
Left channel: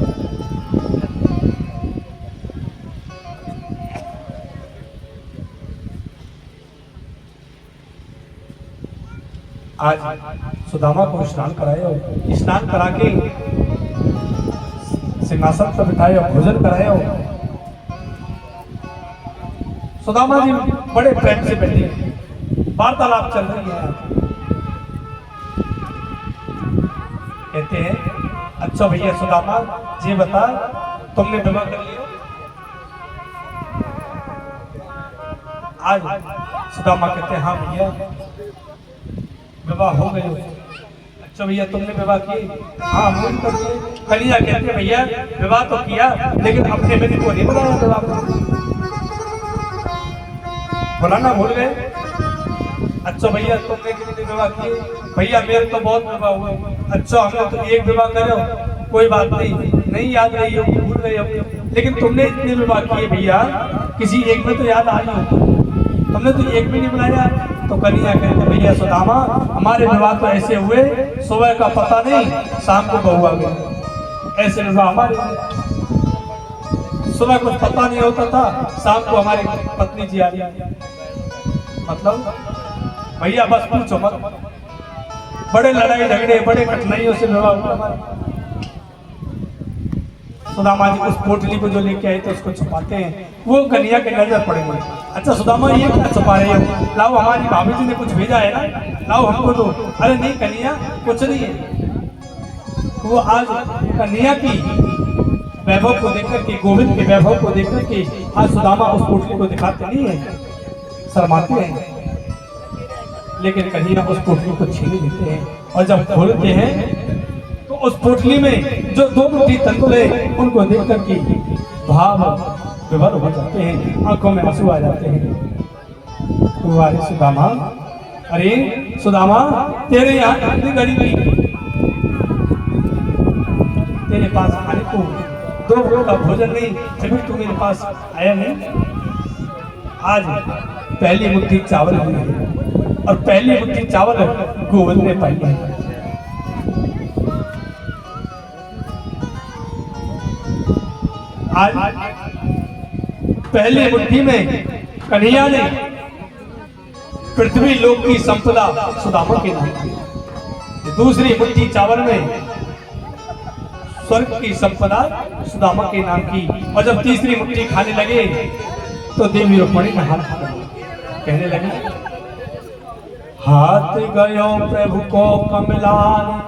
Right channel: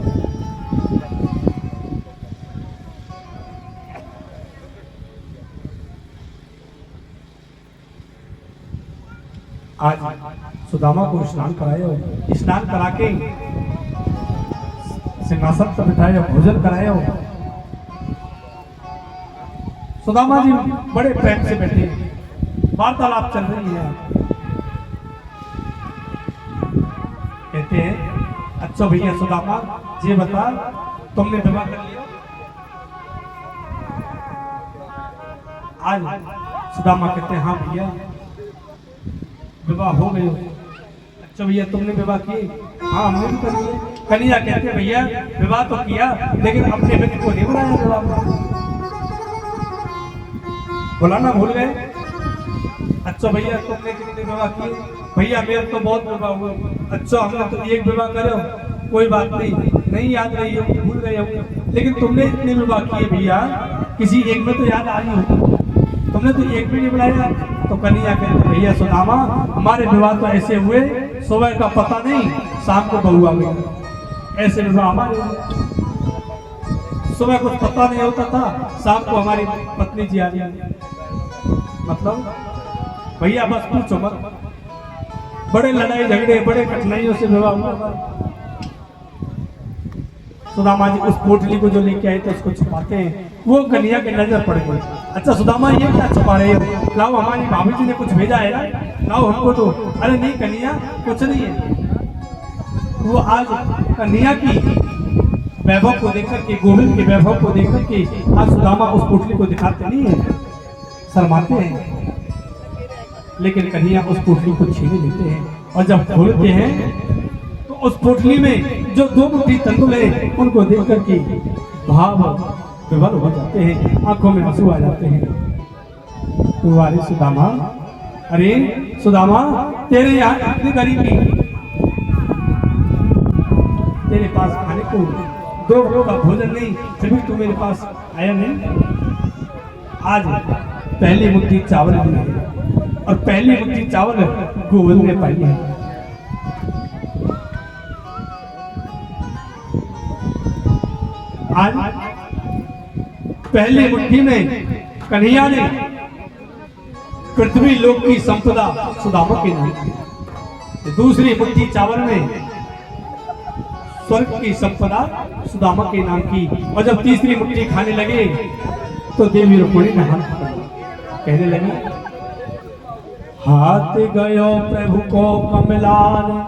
आज सुदामा को स्नान कराया, स्नान करा के सिंहासन पर बिठाया, भोजन कराया। सुदामा जी बड़े प्रेम से बैठे, वार्तालाप चल रही है। कहते हैं, अच्छा भैया सुदामा जी बता, तुमने विवाह कर लिया? आज सुदामा कहते हैं, हाँ भैया विवाह हो गए। अच्छा भैया तुमने विवाह की? हाँ हमने भी कर लिए। कन्या कहते हैं, भैया विवाह तो किया लेकिन अपने बेटे को नहीं बुलाया विवाह में, बुलाना भूल गए। अच्छा भैया तुमने कितने विवाह किए? भैया मेरे तो बहुत विवाह हुए। अच्छा हमने तो एक विवाह करे, कोई बात नहीं याद रही हो, भूल गए हो, लेकिन तुमने इतने विवाह किए भैया, किसी एक में तो याद आई हो, तुमने तो एक भी नहीं बुलाया। तो कन्या कहते, भैया सुदामा हमारे विवाह तो ऐसे हुए, सुबह का पता नहीं शाम को बहू आ गई। ऐसे विवाह हमारे हुए, सुबह कुछ पता नहीं होता था, शाम को हमारी पत्नी जी आ गई। मतलब भैया बस पूछो मत, बड़े लड़ाई झगड़े बड़े कठिनाइयों से विवाह हुआ हमारा। सुदामा जी उस पोटली को जो लेके आए थे उसको छुपाते हैं, वो कन्या के नजर पड़ गई। अच्छा सुदामा ये क्या छुपा रहे हो? लाओ हमारी भाभी जी ने कुछ भेजा है ना, लाओ हमको दो। अरे नहीं कन्या कुछ नहीं है। वो आज कन्या की वैभव को देखकर के, गोविंद के वैभव को देखकर के आज सुदामा उस पोटली को दिखाते नहीं है, शर्माते हैं। लेकिन कन्या उस पोटली को छीन लेते हैं और जब खोलते हैं तो उस पोटली में जो 2 मुट्ठी तंदुल है उनको देख करके भाव विभोर हो जाते हैं, आंखों में आंसू आ जाते हैं। तो अरे सुदामा, अरे सुदामा तेरे यहाँ कितनी गरीबी, तेरे पास खाने को 2 रोज का भोजन नहीं, फिर भी तू मेरे पास आया नहीं। आज पहली मुट्ठी चावल बनाई और पहली मुट्ठी चावल गोविंद ने पाई है। आज पहली मुट्ठी में कन्हैया ने पृथ्वी लोक की संपदा सुदामा के नाम की, दूसरी मुट्ठी चावल में स्वर्ग की संपदा सुदामा के नाम की, और जब तीसरी मुट्ठी खाने लगे तो देवी रुक्मिणी का हाथ पकड़ा, कहने लगी, हाथ गयो प्रभु को कमलाने,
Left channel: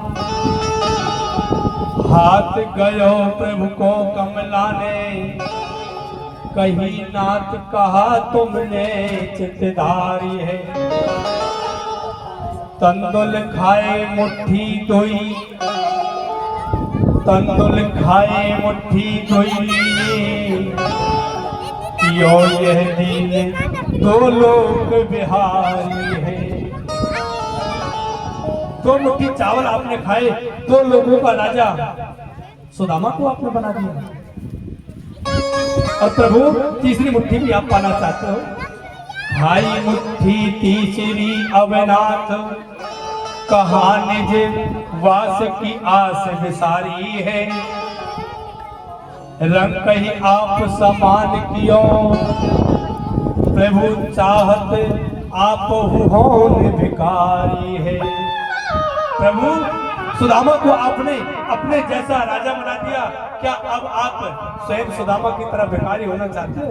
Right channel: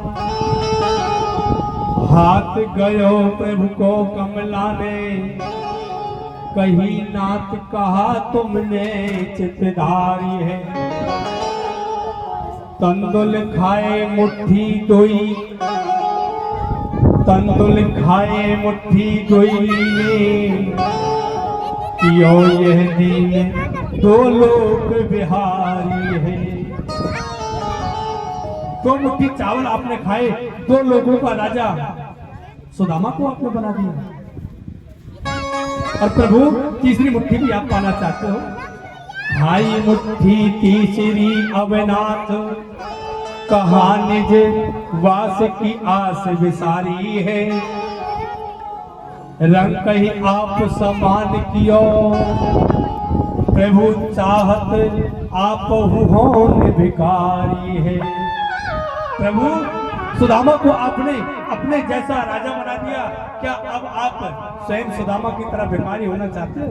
हाथ गयो प्रभु को कमलाने, कहीं नाथ कहा तुमने चितधारी है, तंदुल खाए मुट्ठी दोई, तंदुल खाए मुट्ठी दोई, यो यह दीन 2 लोक बिहारी है। 2 मुट्ठी चावल आपने खाए, 2 लोगों का राजा सुदामा को आपने बना दिया, और प्रभु तीसरी मुट्ठी भी आप पाना चाहते हो। भाई मुट्ठी तीसरी अवनाथ, कहा निज वास की आस विसारी है, रंग कही आप समान कियो, प्रभु चाहत आप होने भिखारी है। प्रभु सुदामा को आपने अपने जैसा राजा बना दिया, क्या अब आप स्वयं सुदामा की तरह भिखारी होना चाहते हो?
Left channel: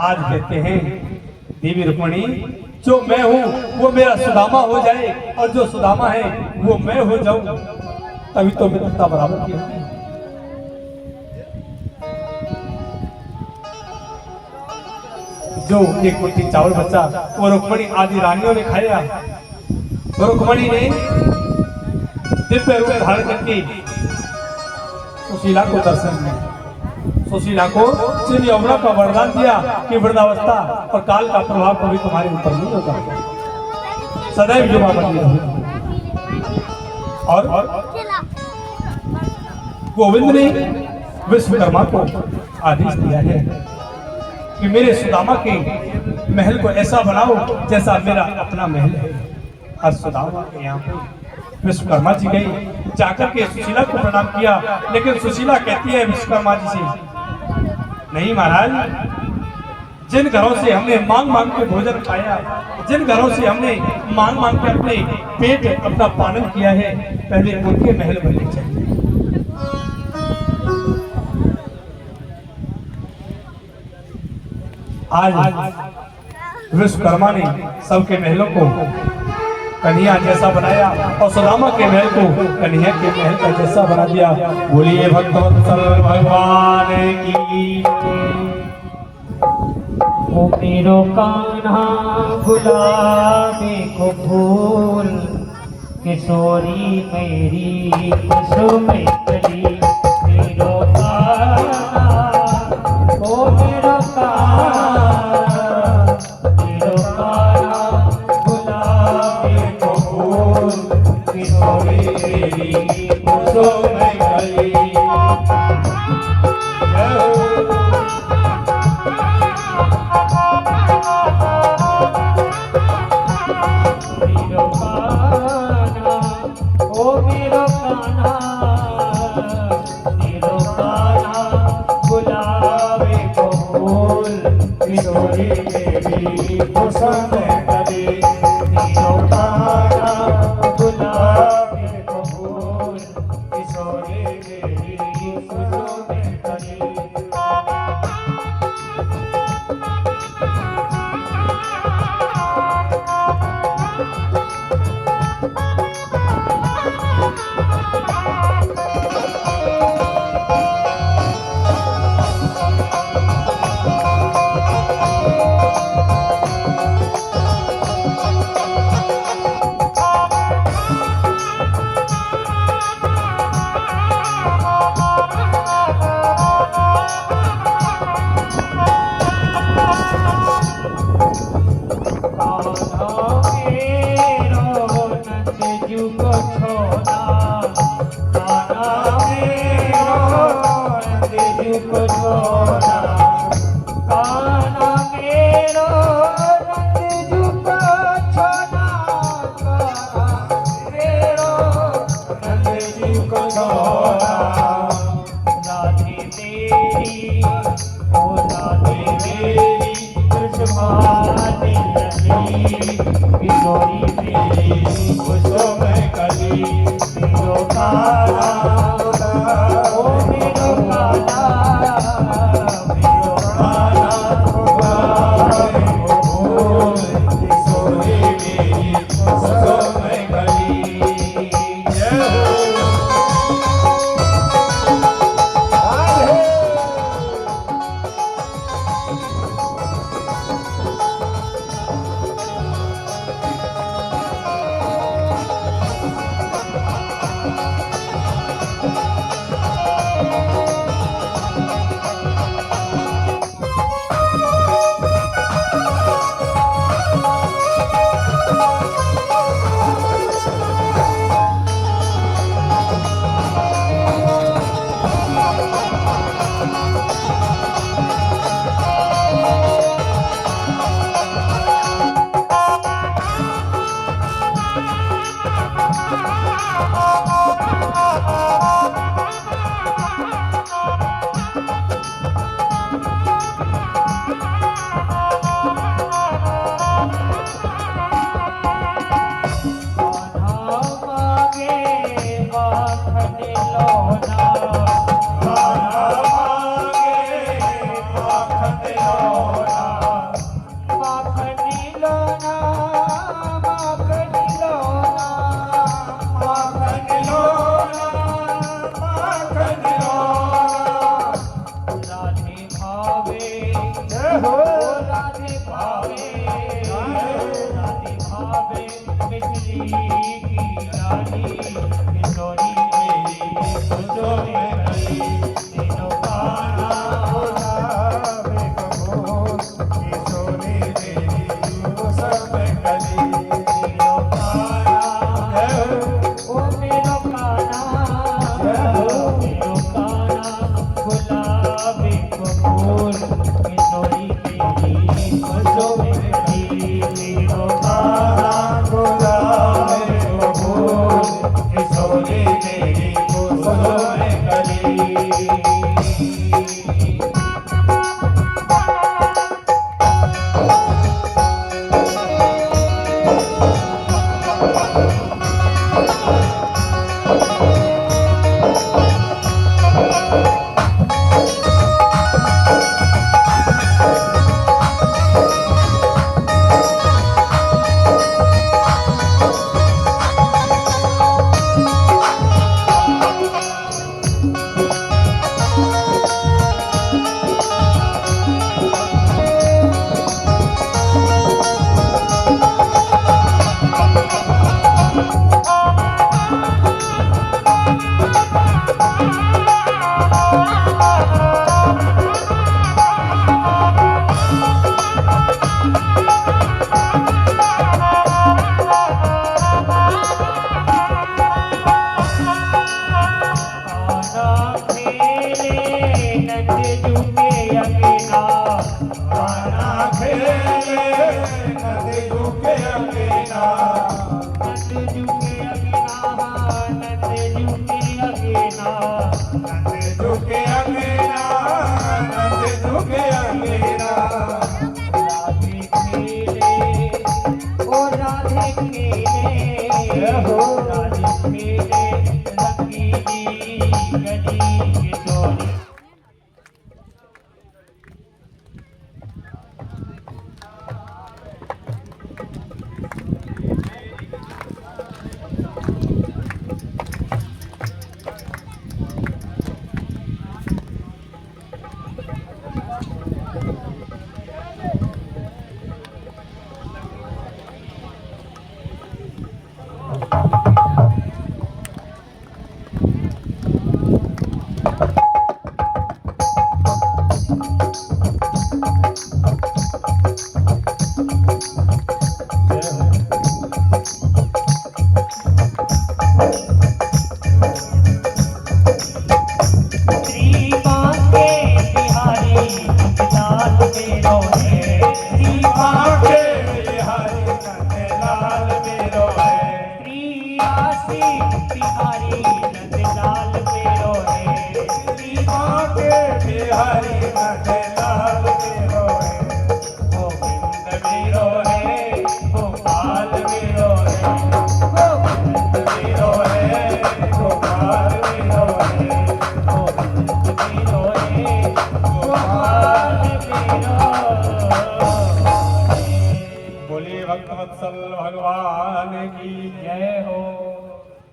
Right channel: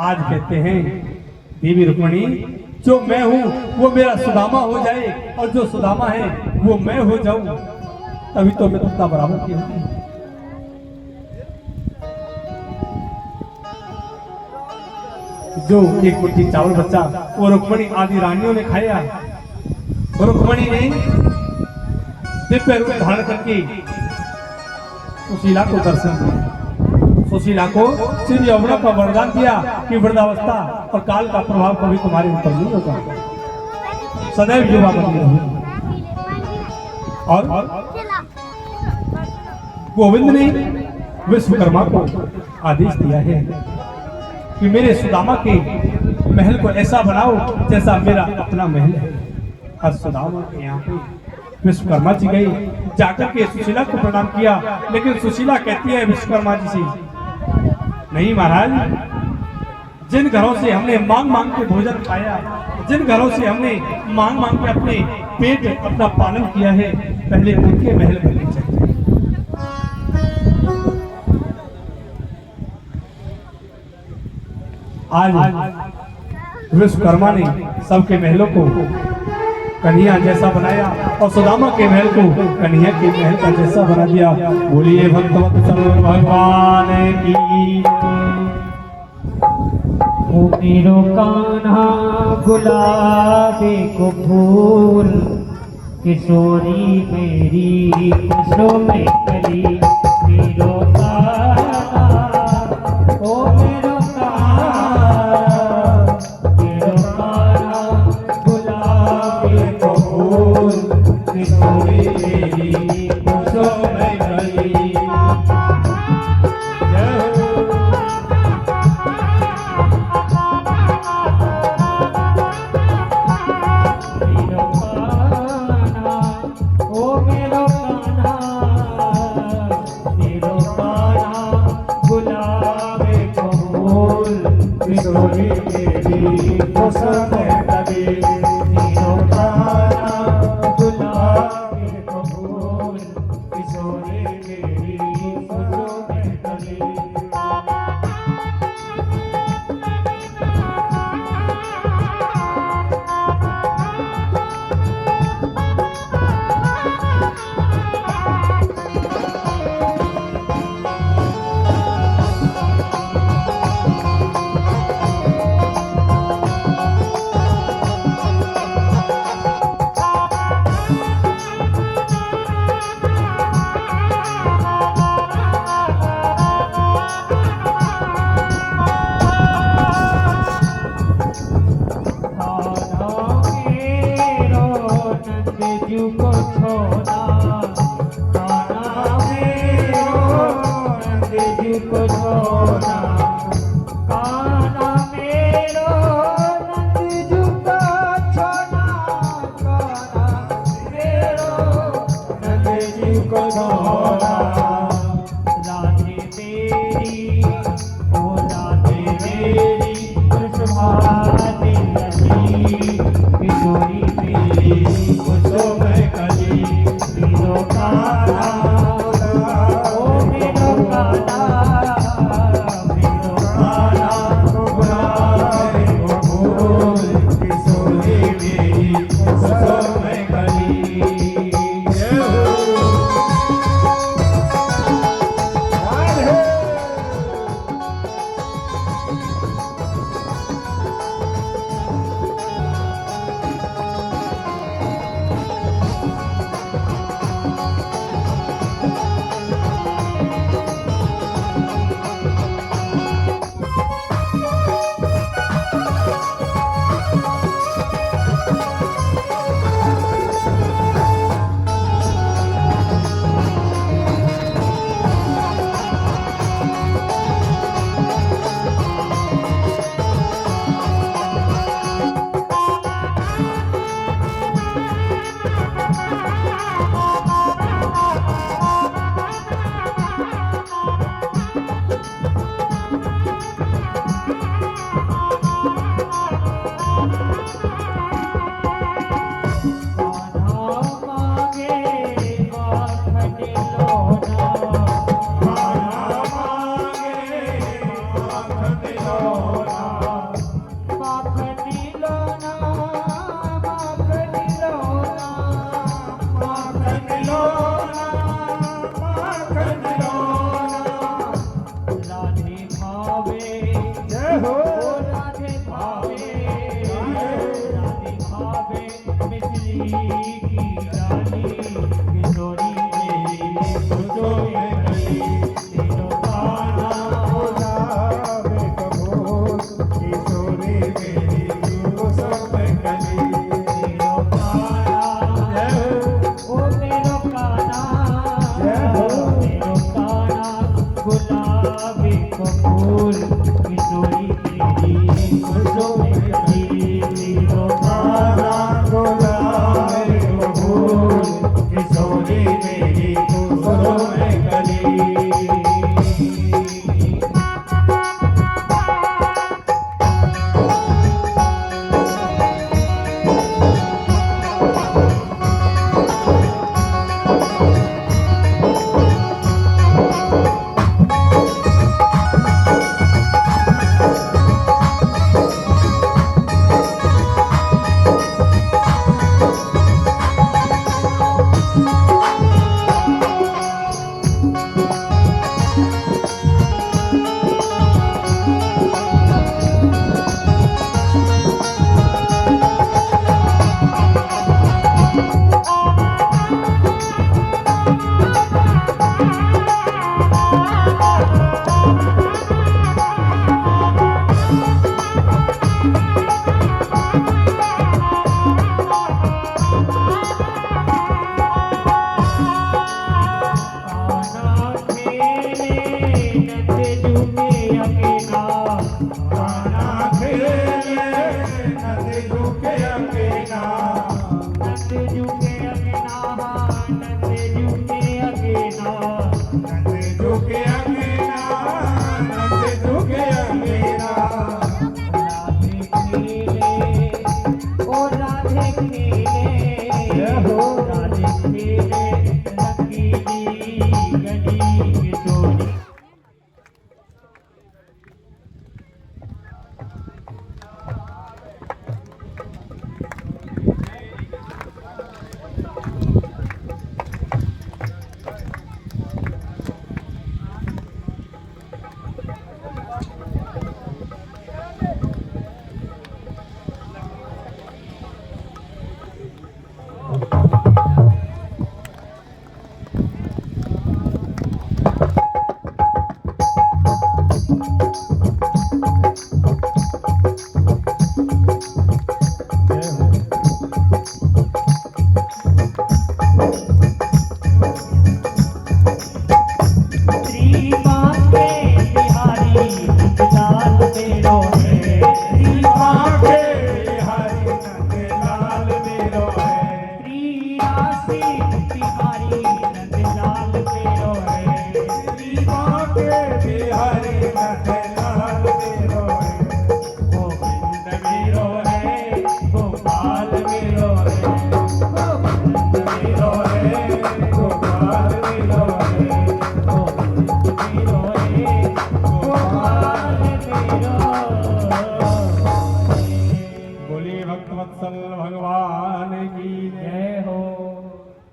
आज कहते हैं देवी रुक्मिणी, जो मैं हूं वो मेरा सुदामा हो जाए, और जो सुदामा है वो मैं हो जाऊं, तभी तो मित्रता बराबर की होगी। जो 1 मुट्ठी चावल बचा वो रुक्मिणी आदि रानियों ने खाया। रुक्मिणी ने दिव्य रूप धारण करके सुशीला को दर्शन दिया, सुशीला को श्री यमुना का वरदान दिया कि वृद्धावस्था और काल का प्रभाव कभी तुम्हारे ऊपर नहीं होगा, सदैव युवा बनी रहोगे। और गोविंद ने विश्वकर्मा को आदेश दिया है कि मेरे सुदामा के महल को ऐसा बनाओ जैसा मेरा अपना महल है। और सुदामा के यहाँ पे विश्वकर्मा जी गए, जाकर के सुशीला को प्रणाम किया, लेकिन सुशीला कहती है विश्वकर्मा जी से, नहीं महाराज, जिन घरों से हमने मांग मांग के भोजन खाया, जिन घरों से हमने मांग मांग के अपने पेट अपना पालन किया है, पहले उनके महल बनने चाहिए। आज विश्वकर्मा ने सबके महलों को कन्हैया जैसा बनाया और सुदामा के महल को कन्हैया के महल का जैसा बना दिया। बोलिए भक्तवत्सल भगवान की। ओ मेरो कान्हा गुलाबी को फूल, किशोरी मेरी खुशो में कली। मेरो कान्हा, ओ मेरो कान्हा गुलाबी को फूल, किशोरी मेरी खुशो में कली। गुलाबी को फूल किशोरी खुशो में खली मीरो खाना गुलाब रो फूल किशोरी मेरी खुशो में खली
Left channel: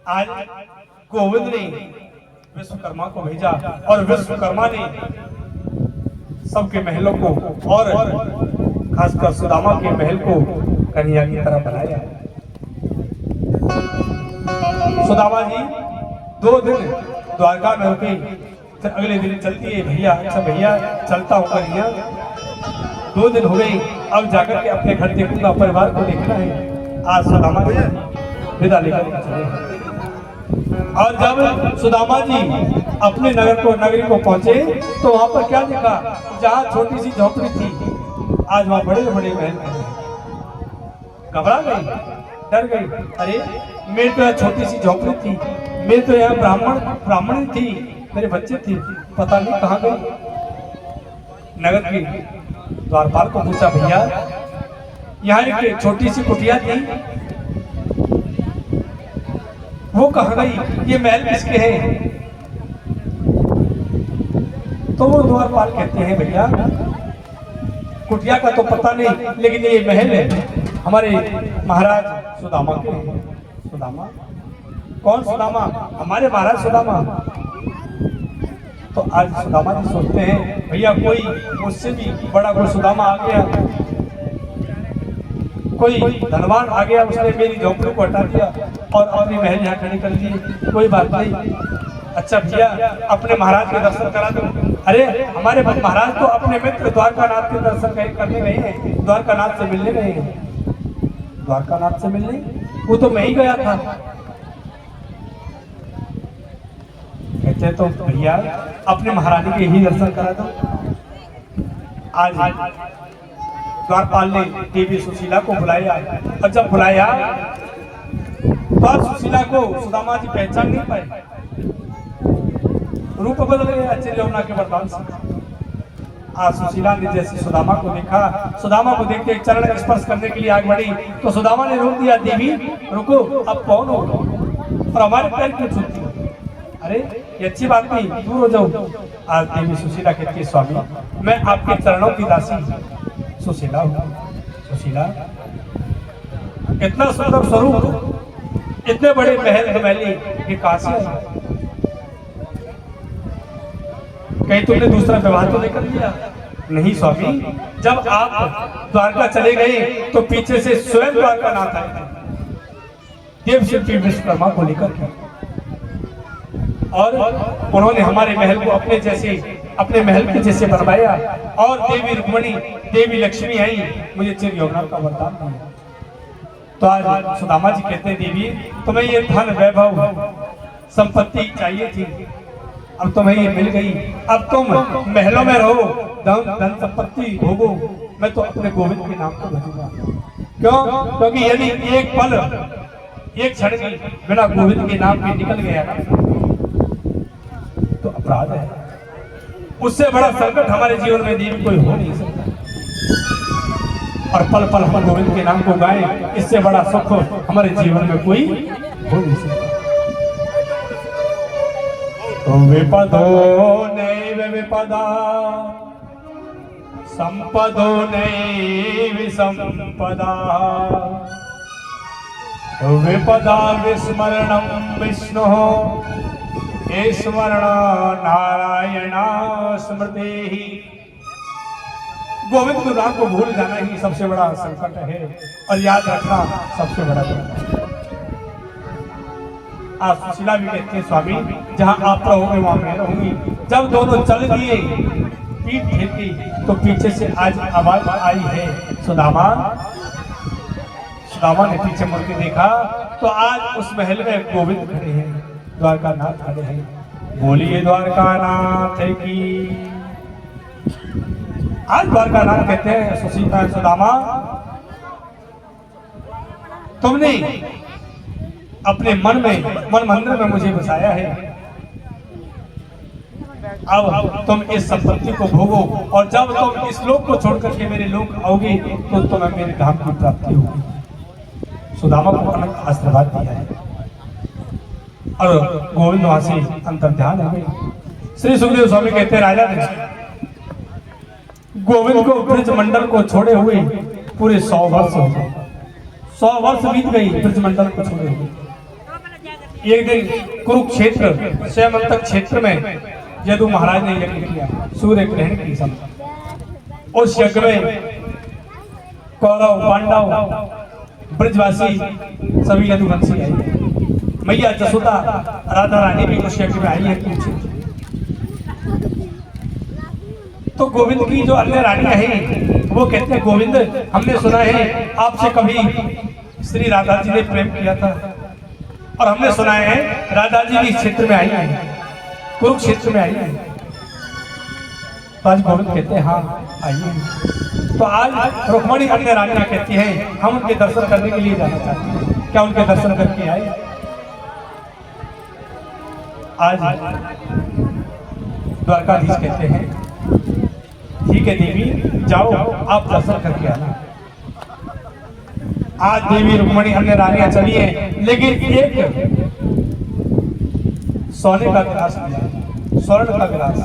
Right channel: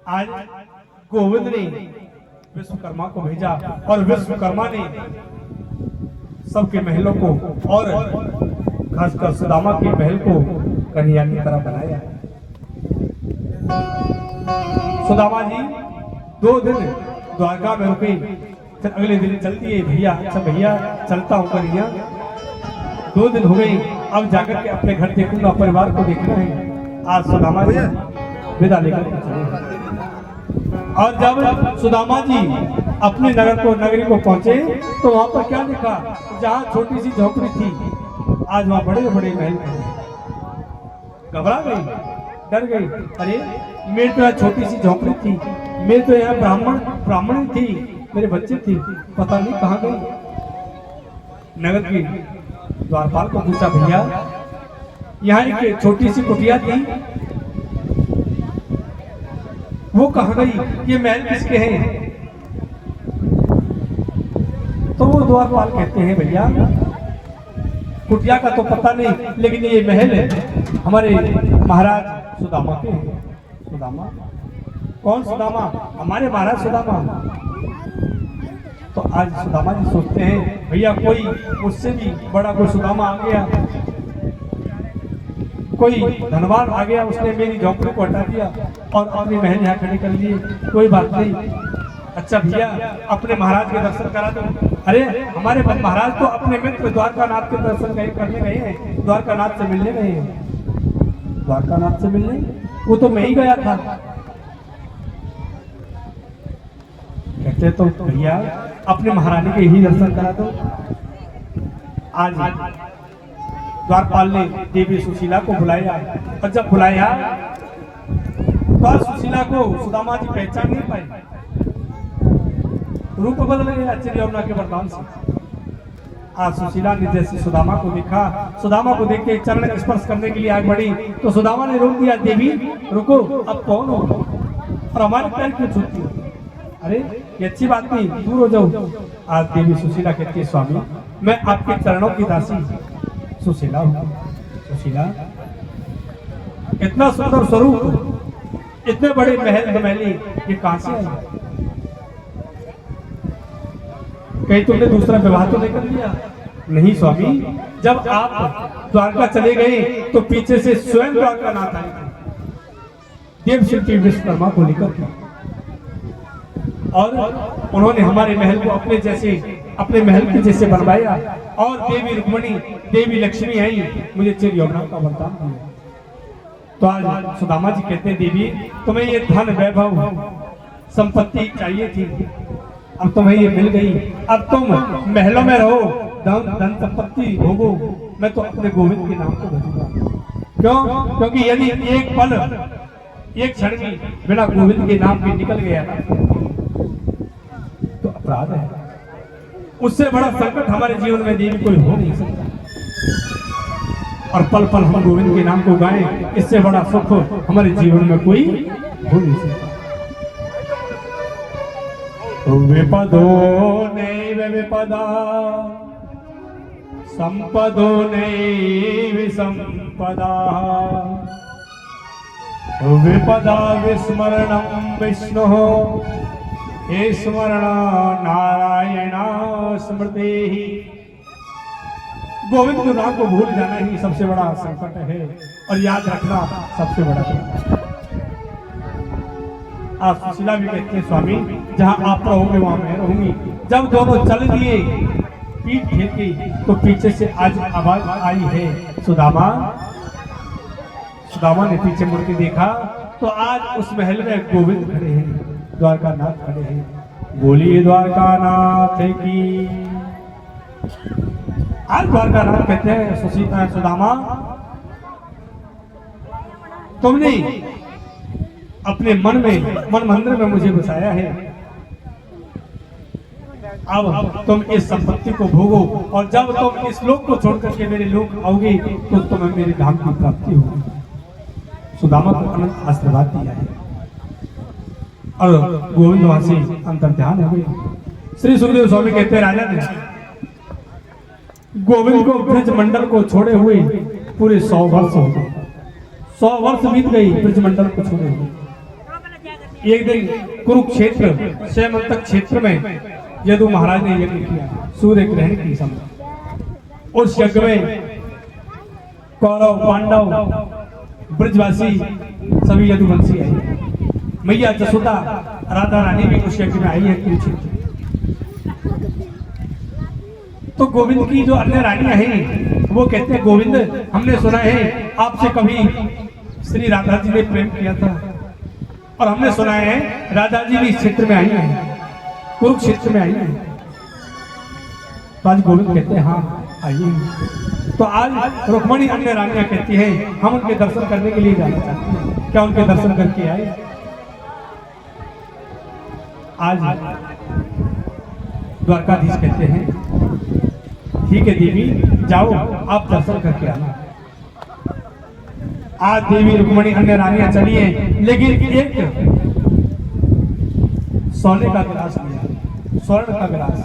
आज गोविंद ने विश्वकर्मा को भेजा और विश्वकर्मा ने सबके महलों को और खासकर सुदामा के महल को कन्या की तरह बनाया। सुदामा जी 2 दिन द्वारका में रुके, फिर अगले दिन चलती है भैया, अच्छा भैया चलता होकर यहाँ 2 दिन हो गए, अब जाकर के अपने घर देखूंगा, परिवार को देखना है। आज सुदामा जी विदा लेकर चले और जब सुदामा जी अपने नगरी को पहुंचे तो वहां पर क्या देखा, जहाँ छोटी सी झोपड़ी थी आज वहां बड़े बड़े महल थे। घबरा गई, डर गई, अरे मेरी तो यहाँ छोटी सी झोपड़ी थी, मेरी तो यहाँ ब्राह्मण थी, मेरे बच्चे थे, पता नहीं कहाँ गई। नगर के द्वारपाल को पूछा, भैया यहाँ एक छोटी सी कुटिया थी, वो कहाँ गई, ये महल किसके हैं? तो वो द्वारपाल कहते हैं, भैया कुटिया का तो पता नहीं, लेकिन ये महल है हमारे महाराज सुदामा के हैं। सुदामा? कौन सुदामा? हमारे महाराज सुदामा। तो आज सुदामा जी सोचते हैं, भैया कोई उससे भी बड़ा कोई सुदामा आ गया, कोई धनवान आ गया, उसने मेरी झोपड़ी को हटा दिया और अपनी महल यहाँ खड़ी कर ली। कोई बात नहीं, अच्छा भैया अपने महाराज के दर्शन करा दो। अरे हमारे महाराज तो अपने मित्र द्वारकानाथ के दर्शन करने गए हैं, द्वारकानाथ से मिलने गए हैं। द्वारकानाथ से मिलने? वो तो मैं ही गया था। कहते तो भैया अपने महारानी के ही दर्शन करा दो। आज द्वारपाल ने देवी सुशीला को बुलाया, और जब बुलाया तो आज सुशीला को सुदामा जी पहचान नहीं पाए, रूप बदल गया आश्चर्य यमुना के वरदान से। आज सुशीला ने जैसे सुदामा को देखा, सुदामा को देखते चरण स्पर्श करने के लिए आग बढ़ी, तो सुदामा ने रोक दिया, देवी रुको, अब कौन हो और हमारे पैर क्यों छूती हो? अरे ये अच्छी बात नहीं, दूर हो जाओ। आज देवी सुशीला कहती है, स्वामी मैं आपके चरणों की दासी सुशीला हूँ। सुशीला, इतना सुंदर स्वरूप, इतने बड़े महल हवेली, ये कहां से आई? कहीं तुमने दूसरा विवाह तो नहीं कर लिया? नहीं स्वामी, जब आप द्वारका चले गए तो पीछे से स्वयं द्वारका नाथ आए थे, देव शिल्पी विश्वकर्मा को लेकर के, और उन्होंने हमारे महल को अपने महल के जैसे बनवाया, और देवी रुक्मणी, देवी लक्ष्मी आई, मुझे चिर यौवना का वरदान दिया। तो आज सुदामा जी कहते हैं, देवी तुम्हें ये धन वैभव संपत्ति चाहिए थी, अब तुम्हें ये मिल गई, अब तुम महलों में रहो, धन संपत्ति भोगो, मैं तो अपने गोविंद के नाम को भजूंगा। क्यों? क्योंकि यदि एक पल, एक क्षण भी बिना गोविंद के नाम के निकल गया ना, तो अपराध है। उससे बड़ा संकट हमारे जीवन में देवी कोई हो नहीं सकता, और पल पल हम गोविंद के नाम को गाएं, इससे बड़ा सुख हमारे जीवन में कोई हो नहीं सकता। विपदो नैव विपदा, संपदो नैव संपदा, विपदा विस्मरणं विष्णुः, स्मरण नारायण स्मृति। गोविंद के नाम को भूल जाना ही सबसे बड़ा संकट है, और याद रखना सबसे बड़ा संकट है। आज सुशीला भी कहती है, स्वामी जहां आप रहोगे वहां मैं रहूंगी। जब दोनों चल दिए, पीठ फेंकी, तो पीछे से आज आवाज आई है, सुदामा। सुदामा ने पीछे मुड़ के देखा तो आज उस महल में गोविंद खड़े हैं, द्वारका नाथ खड़े हैं। बोलिए द्वारका नाथ की। आज द्वारका नाथ कहते हैं, सुदामा तुमने अपने मन मंदिर में मुझे बसाया है, अब तुम इस संपत्ति को भोगो, और जब तुम इस लोक को छोड़ करके मेरे लोक आओगे तो तुम्हें मेरे धाम की प्राप्ति होगी। सुदामा को अनंत आशीर्वाद दिया है, और गोविंद वहां से अंतर्ध्यान हो गए। श्री सुखदेव स्वामी कहते हैं, राजा ने गोविंद को ब्रज मंडल को छोड़े हुए पूरे 100 वर्ष हो गए। 100 वर्ष बीत गई ब्रज मंडल को छोड़े हुए। एक दिन कुरुक्षेत्र स्वयंतक क्षेत्र में यदु महाराज ने यज्ञ किया, सूर्य ग्रहण की समय। उस यज्ञ में कौरव पांडव ब्रजवासी सभी यदुवंशी आए। मैया जसोदा राधा रानी भी उस यज्ञ में आई है। तो गोविंद की जो अन्य रानियां हैं वो कहते हैं, गोविंद हमने सुना है आपसे कभी श्री राधा जी ने प्रेम किया था, और हमने सुना है राधा जी भी इस क्षेत्र में आई है, कुरुक्षेत्र में आई है। तो आज गोविंद कहते हैं, हाँ आई है। तो आज रुक्मणी अन्य रानियां कहती हैं, हम उनके दर्शन करने के लिए जाना चाहते हैं, क्या उनके दर्शन करके आए? आज द्वारकाधीश कहते हैं, ठीक है देवी जाओ, आप दर्शन करके आना। आज देवी रुक्मणी अन्य रानियां चली हैं, लेकिन एक सोने का गिलास लिया, स्वर्ण का गिलास,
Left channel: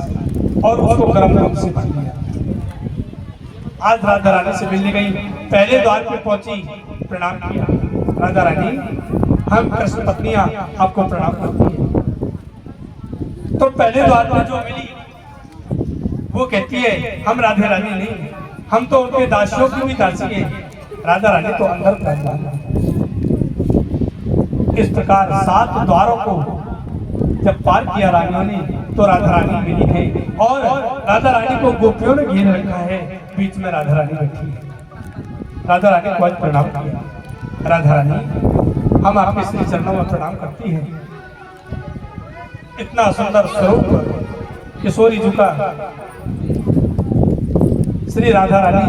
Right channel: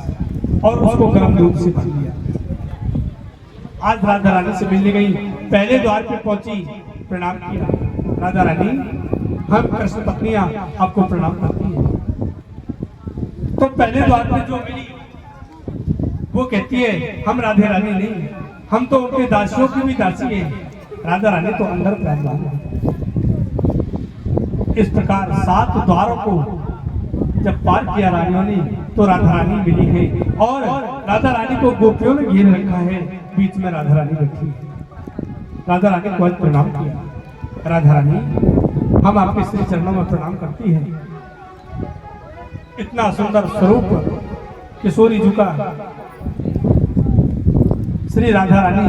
और उसको गर्म दूध से भर लिया। आज राधा रानी से मिलने गई, पहले द्वार पे पहुंची, प्रणाम किया। राधा रानी, हम कृष्ण पत्नियां आपको प्रणाम करती हैं। तो पहले द्वार पे जो मिली वो कहती है, हम राधा रानी नहीं, हम तो उनके दासियों की भी दासी हैं। राधा रानी तो अंदर पहचान। इस प्रकार 7 द्वारों को जब पार किया रानियों ने, तो राधा रानी मिली है, और राधा रानी को गोपियों ने घेर रखा है, बीच में राधा रानी बैठी है। राधा रानी को आज प्रणाम किया। राधा रानी, हम आपके श्री चरणों में प्रणाम करती हैं। इतना सुंदर स्वरूप किशोरी जी का श्री राधा रानी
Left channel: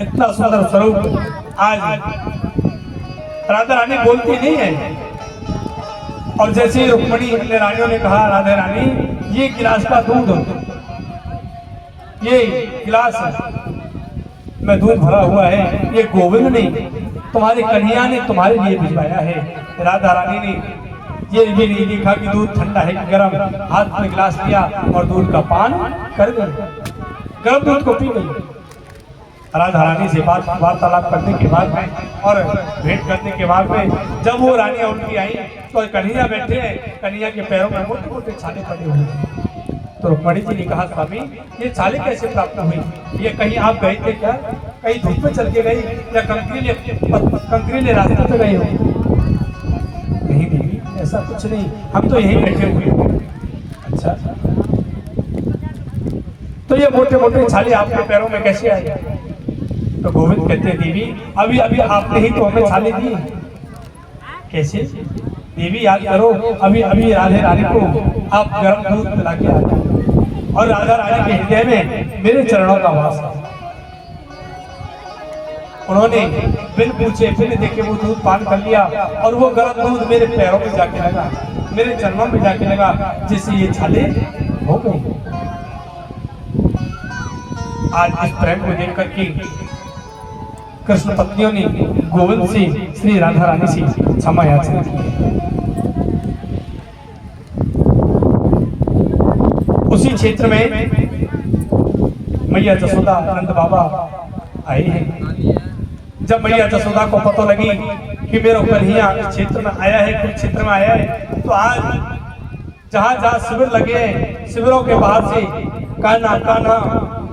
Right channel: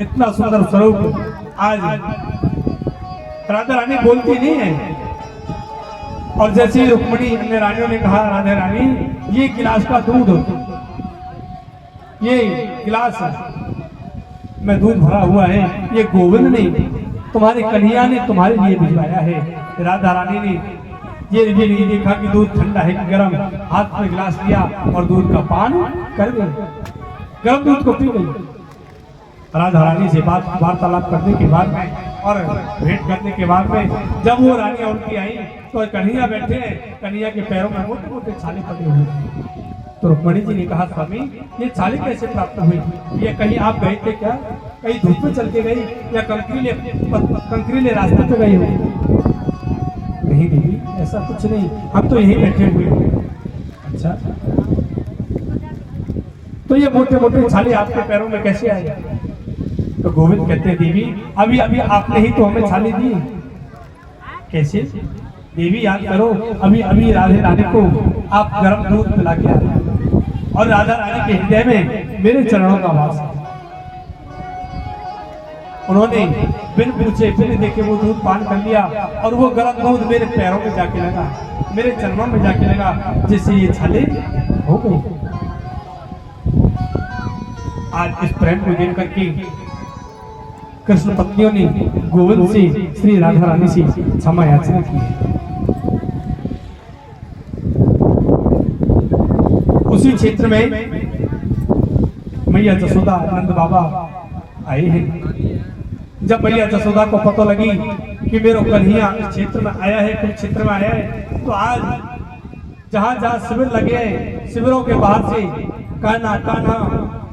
इतना सुंदर स्वरूप आज राधा रानी बोलती नहीं है। और जैसे रुक्मणी अन्य रानियों ने कहा, राधा रानी ये गिलास का दूध, ये गिलास में दूध भरा हुआ है, ये गोविंद ने तुम्हारे कन्हैया ने तुम्हारे लिए भिजवाया है। राधा रानी ने ये भी नहीं देखा कि दूध ठंडा है कि गर्म, हाथ में गिलास लिया और दूध का पान कर गई, गर्म दूध को पी गई। राधा रानी से वार्तालाप करने के बाद में और भेंट करने के बाद में जब वो रानी उनकी आई तो कन्हैया बैठे हैं, कन्हैया के पैरों में मोटे मोटे छाले पड़े हुए थे। तो रुक्मणी जी ने कहा, स्वामी ये छाले कैसे प्राप्त हुई? ये कहीं आप गए थे क्या? कहीं धूप में चल के गई या कंकरीले रास्ते पे गई हो? नहीं दीदी, ऐसा कुछ नहीं, हम तो यहीं बैठे हुए हैं। अच्छा, तो ये मोटे मोटे छाले आपके पैरों में कैसे आए? तो गोविंद कहते हैं, देवी अभी अभी आपने ही तो हमें छाले दी। कैसे? देवी याद करो, अभी अभी राधे रानी को आप गर्म दूध पिला के आए और राधा रानी के हृदय में मेरे चरणों का वास है। उन्होंने बिन पूछे बिन देखे वो दूध पान कर लिया और वो गर्म दूध मेरे पैरों में जाके लगा, मेरे चरणों में जाके लगा, जिससे ये छाले हो गई। आज इस प्रेम को देख करके कृष्ण पत्नियों ने गोविंद से, श्री राधा रानी से क्षमा याचना की है। उसी क्षेत्र में मैया जसोदा नंद बाबा आए हैं। जब मैया जसोदा को पता लगी कि मेरा कन्हैया इस क्षेत्र में आया है, कुछ क्षेत्र में आया है, तो आज जहां जहां शिविर लगे हैं, शिविरों के बाहर से कान्हा कान्हा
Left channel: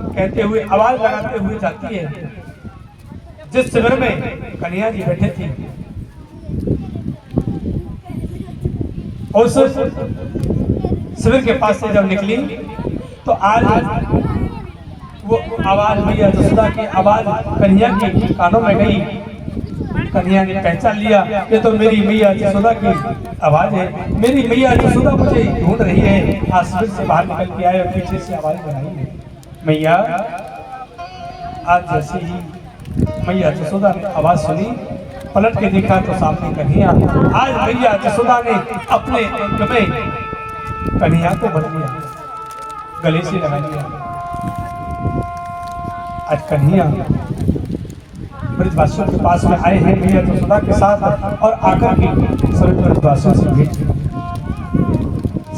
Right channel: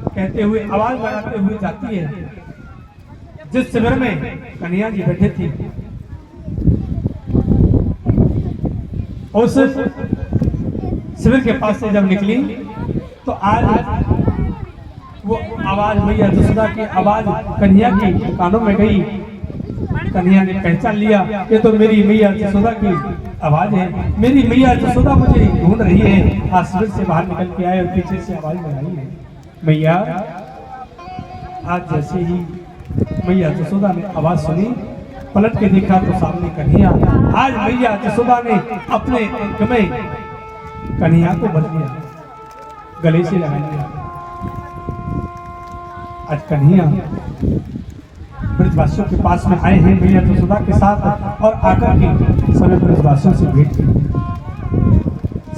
कहते हुए, आवाज लगाते हुए जाती है। जिस शिविर में कन्हैया जी बैठे थे, उस शिविर के पास से जब निकली तो आज वो आवाज, मैया जसोदा की आवाज कन्हैया के कानों में गई। कन्हैया ने पहचान लिया, ये तो मेरी मैया जसोदा की आवाज है, मेरी मैया जसोदा मुझे ढूंढ रही है। आज शिविर से बाहर निकल के आए और पीछे से आवाज लगाई है, मैया। आज जैसे ही मैया जसोदा ने आवाज सुनी, पलट के देखा तो सामने कन्हैया। आज मैया जसोदा ने अपने अंग में कन्हैया को बंध लिया, गले से लगा लिया। आज कन्हैया ब्रजवासियों के पास में आए हैं मैया जसोदा के साथ और आकर के सभी ब्रजवासियों से भेंट की,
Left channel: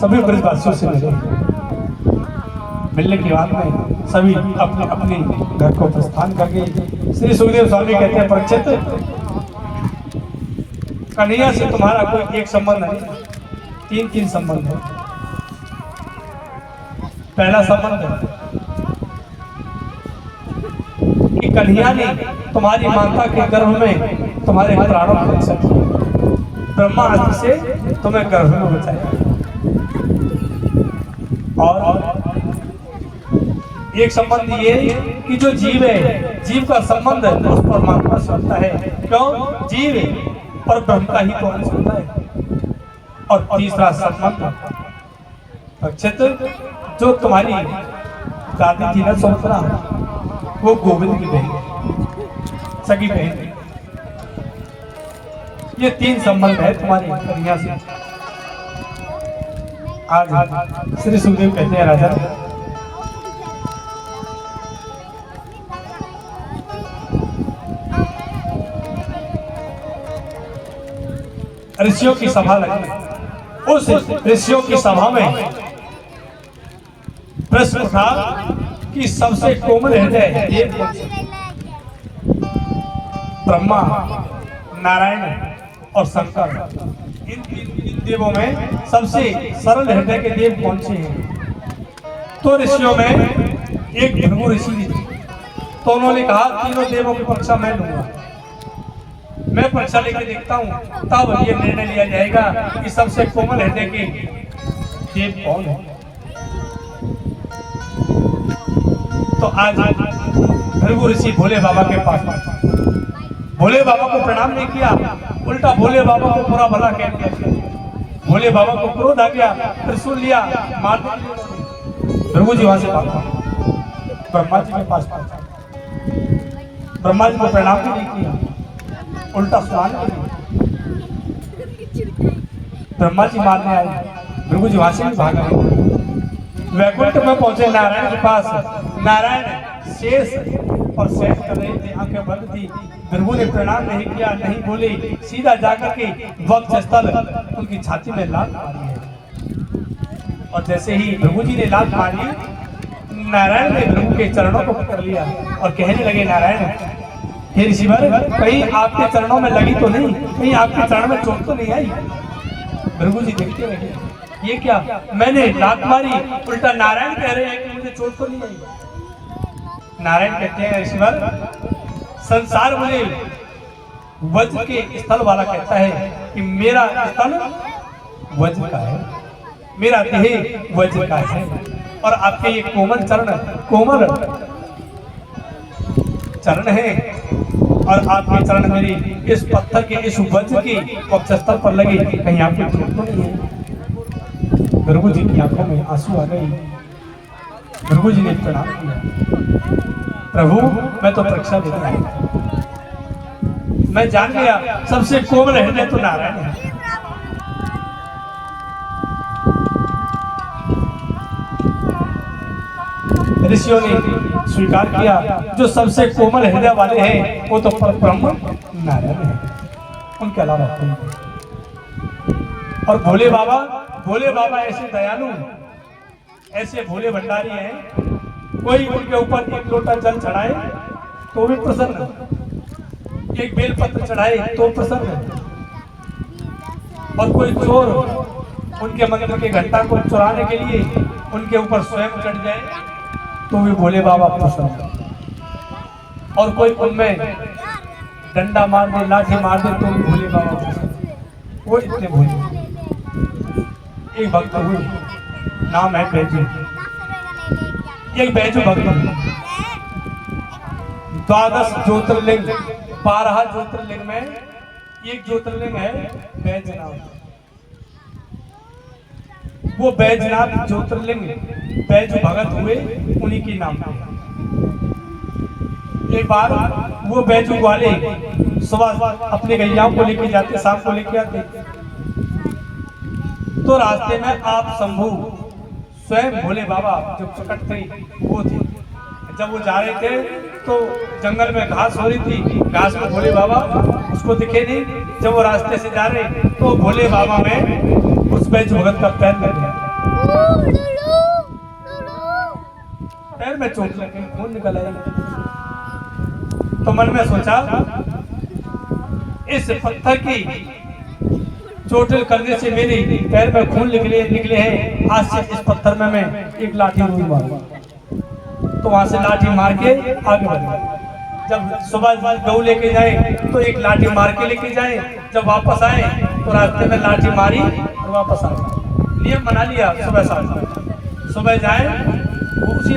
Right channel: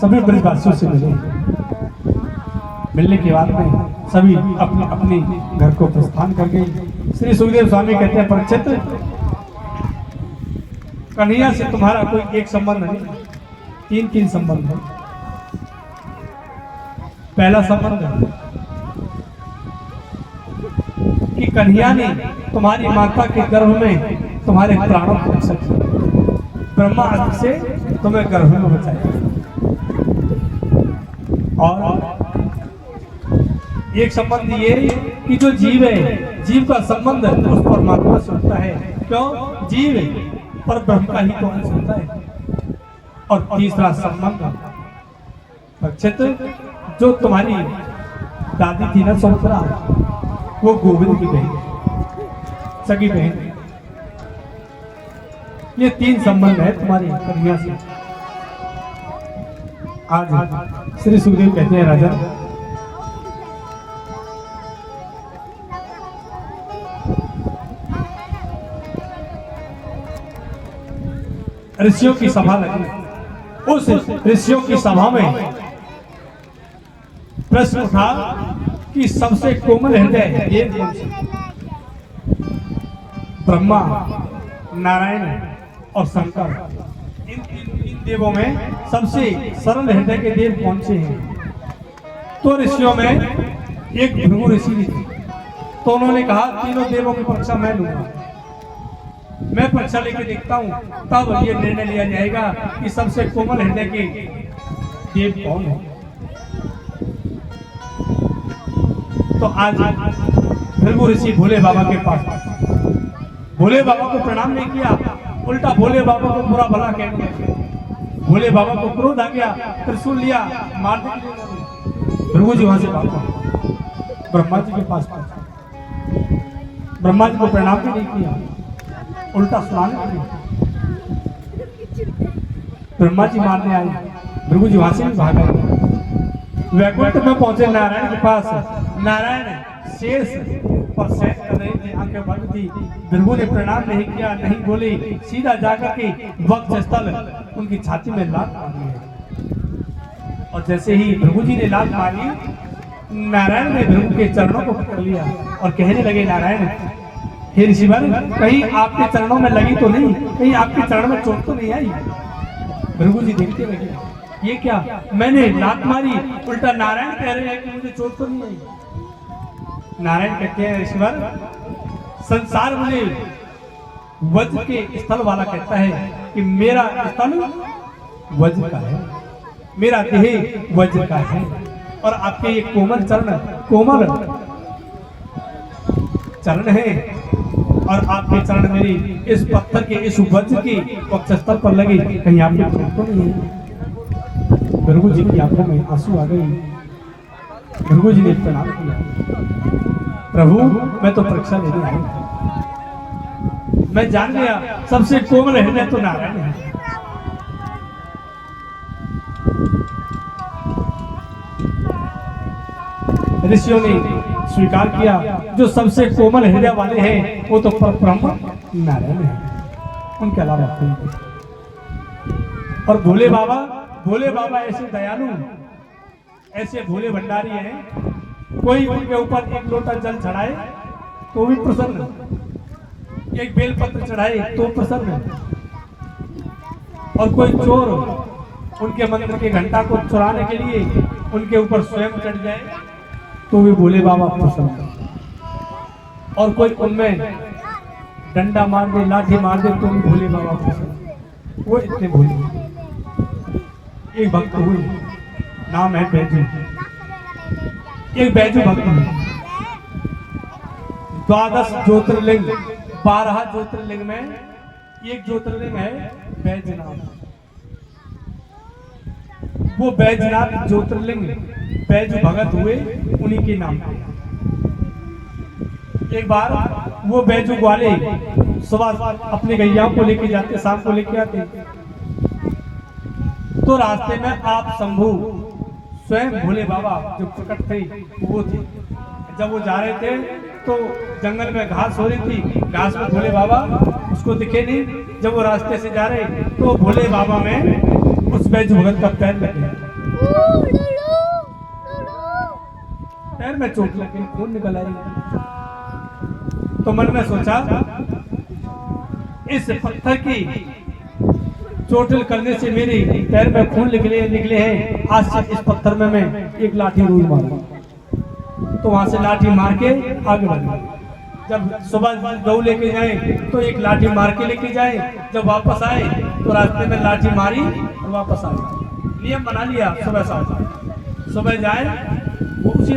सभी ब्रजवासियों से मिले। मिलने के बाद में सभी अपने अपने घर को प्रस्थान कर गए। श्री सुखदेव स्वामी कहते हैं, परीक्षित, कन्हैया से तुम्हारा कोई एक संबंध नहीं, तीन संबंध है। पहला संबंध कि कन्हैया ने तुम्हारी माता के गर्भ में तुम्हारे प्राणों को रक्षा किया, ब्रह्मास्त्र से तुम्हें गर्भ में बचाया। और एक संबंध ये कि जो जीव है, जीव का संबंध उस परमात्मा से होता है। क्यों? जीव पर ब्रह्म का ही तो अंश होता है। और तीसरा संबंध परीक्षित, जो तुम्हारी दादी थी ना सुमित्रा, वो गोविंद की बहन, सगी बहन। ये तीन संबंध है तुम्हारी कन्हैया से। आज श्री सुखदेव कहते हैं, राजा ऋषियों की सभा लगी। उस ऋषियों की सभा में प्रश्न था कि सबसे कोमल हृदय ये कौन से? ब्रह्मा, नारायण और शंकर, इन देवों में सबसे सरल हृदय के देव कौन से हैं? तो ऋषियों में एक भृगु ऋषि थे। तो उन्होंने कहा, तीनों देवों की परीक्षा मैं लूंगा, मैं परीक्षा लेके देखता हूं, तब ये निर्णय लिया जाएगा कि सबसे कोमल हृदय के देव कौन है। तो आज भृगु ऋषि भोले बाबा के पास, भोले बाबा को प्रणाम नहीं किया, उल्टा भोले बाबा को बुरा भला कह दिया। भोले बाबा को क्रोध आ गया, त्रिशूल लिया, मारने के लिए भृगु जी वहां से भागा, ब्रह्मा जी के पास पहुंचा। ब्रह्मा जी को प्रणाम भी नहीं किया, उल्टा सुनाने के लिए ब्रह्मा जी मारने आए, भृगु जी वहां से भी भाग गए। वैकुंठ में पहुंचे नारायण के पास, नारायण शेष और शेष कर रहे थे, आंखें बंद थी। भृगु ने प्रणाम नहीं किया, नहीं बोले, सीधा जाकर के वक्ष स्थल उनकी छाती में लात मारी है। और जैसे ही भृगु जी ने लात मारी, नारायण ने भृगु के चरणों को पकड़ लिया और कहने लगे, नारायण हे ऋषिवर, कहीं आपके चरणों में लगी तो नहीं, कहीं आपके चरण में चोट तो नहीं आई? भृगु जी देखते रहे, ये क्या, मैंने लात मारी, उल्टा नारायण कह रहे हैं कि मुझे चोट तो नहीं आई। नारायण कहते हैं, ऋषिवर संसार मुझे वज्र के स्थल वाला कहता है कि मेरा स्थल वज्र का है, मेरा देह वज्र का है, और आपके ये कोमल चरण है, और आपके चरण मेरी इस पत्थर के, इस वज्र के वक्षस्थल पर लगे, कहीं आपके चोट तो नहीं है? भृगु जी की आंखों में आंसू आ गए। भृगु जी ने प्रणाम किया, प्रभु मैं तो परीक्षा लेने आई, मैं जान गया सबसे कोमल हृदय तो नारायण है। ऋषियों ने स्वीकार किया, जो सबसे कोमल हृदय वाले हैं वो तो परब्रह्म नारायण है, उनके अलावा कोई नहीं। और भोले बाबा ऐसे दयालु, ऐसे भोले भंडारी हैं, कोई उनके ऊपर एक लोटा जल चढ़ाए तो भी प्रसन्न, एक बेलपत्र चढ़ाए तो प्रसन्न, और कोई चोर उनके मंदिर के घंटा को चुराने के लिए उनके ऊपर स्वयं चढ़ जाए तो भी भोले बाबा प्रसन्न, और कोई उनमें डंडा मार दे, लाठी मार दे तो भी भोले बाबा प्रसन्न, वो इतने भोले। एक भक्त हुए, नाम है बैजू, एक बैजू भक्त हुए। 12 ज्योतिर्लिंग, 12 ज्योतिर्लिंग में एक ज्योतिर्लिंग है बैजनाथ। वो बैजनाथ ज्योतिर्लिंग बैजू भगत हुए, उन्हीं के नाम पे। एक बार वो बैजू वाले सुबह अपने गैयाओं को लेके जाते, शाम को लेके आते, तो रास्ते में आप शंभू स्वयं भोले बाबा जो प्रकट थे वो थे। जब वो जा रहे थे तो जंगल में घास हो रही थी, घास में भोले बाबा उसको दिखे नहीं। जब वो रास्ते से जा रहे तो भोले बाबा में उस बैजू भगत का पैर लग गया, पैर में चोट लग गई, खून निकल आई। तो मन में सोचा, इस पत्थर की चोटिल करने से मेरे पैर में खून निकले हैं, आज से इस पत्थर में मैं एक लाठी रोज मारूंगा। तो वहां से लाठी मार के आगे बढ़ा। जब सुबह गऊ लेके जाए तो एक लाठी मार के लेके जाए, जब वापस आए तो रास्ते में लाठी मारी और वापस आ गए। नियम बना लिया, सुबह शाम सुबह जाए उसी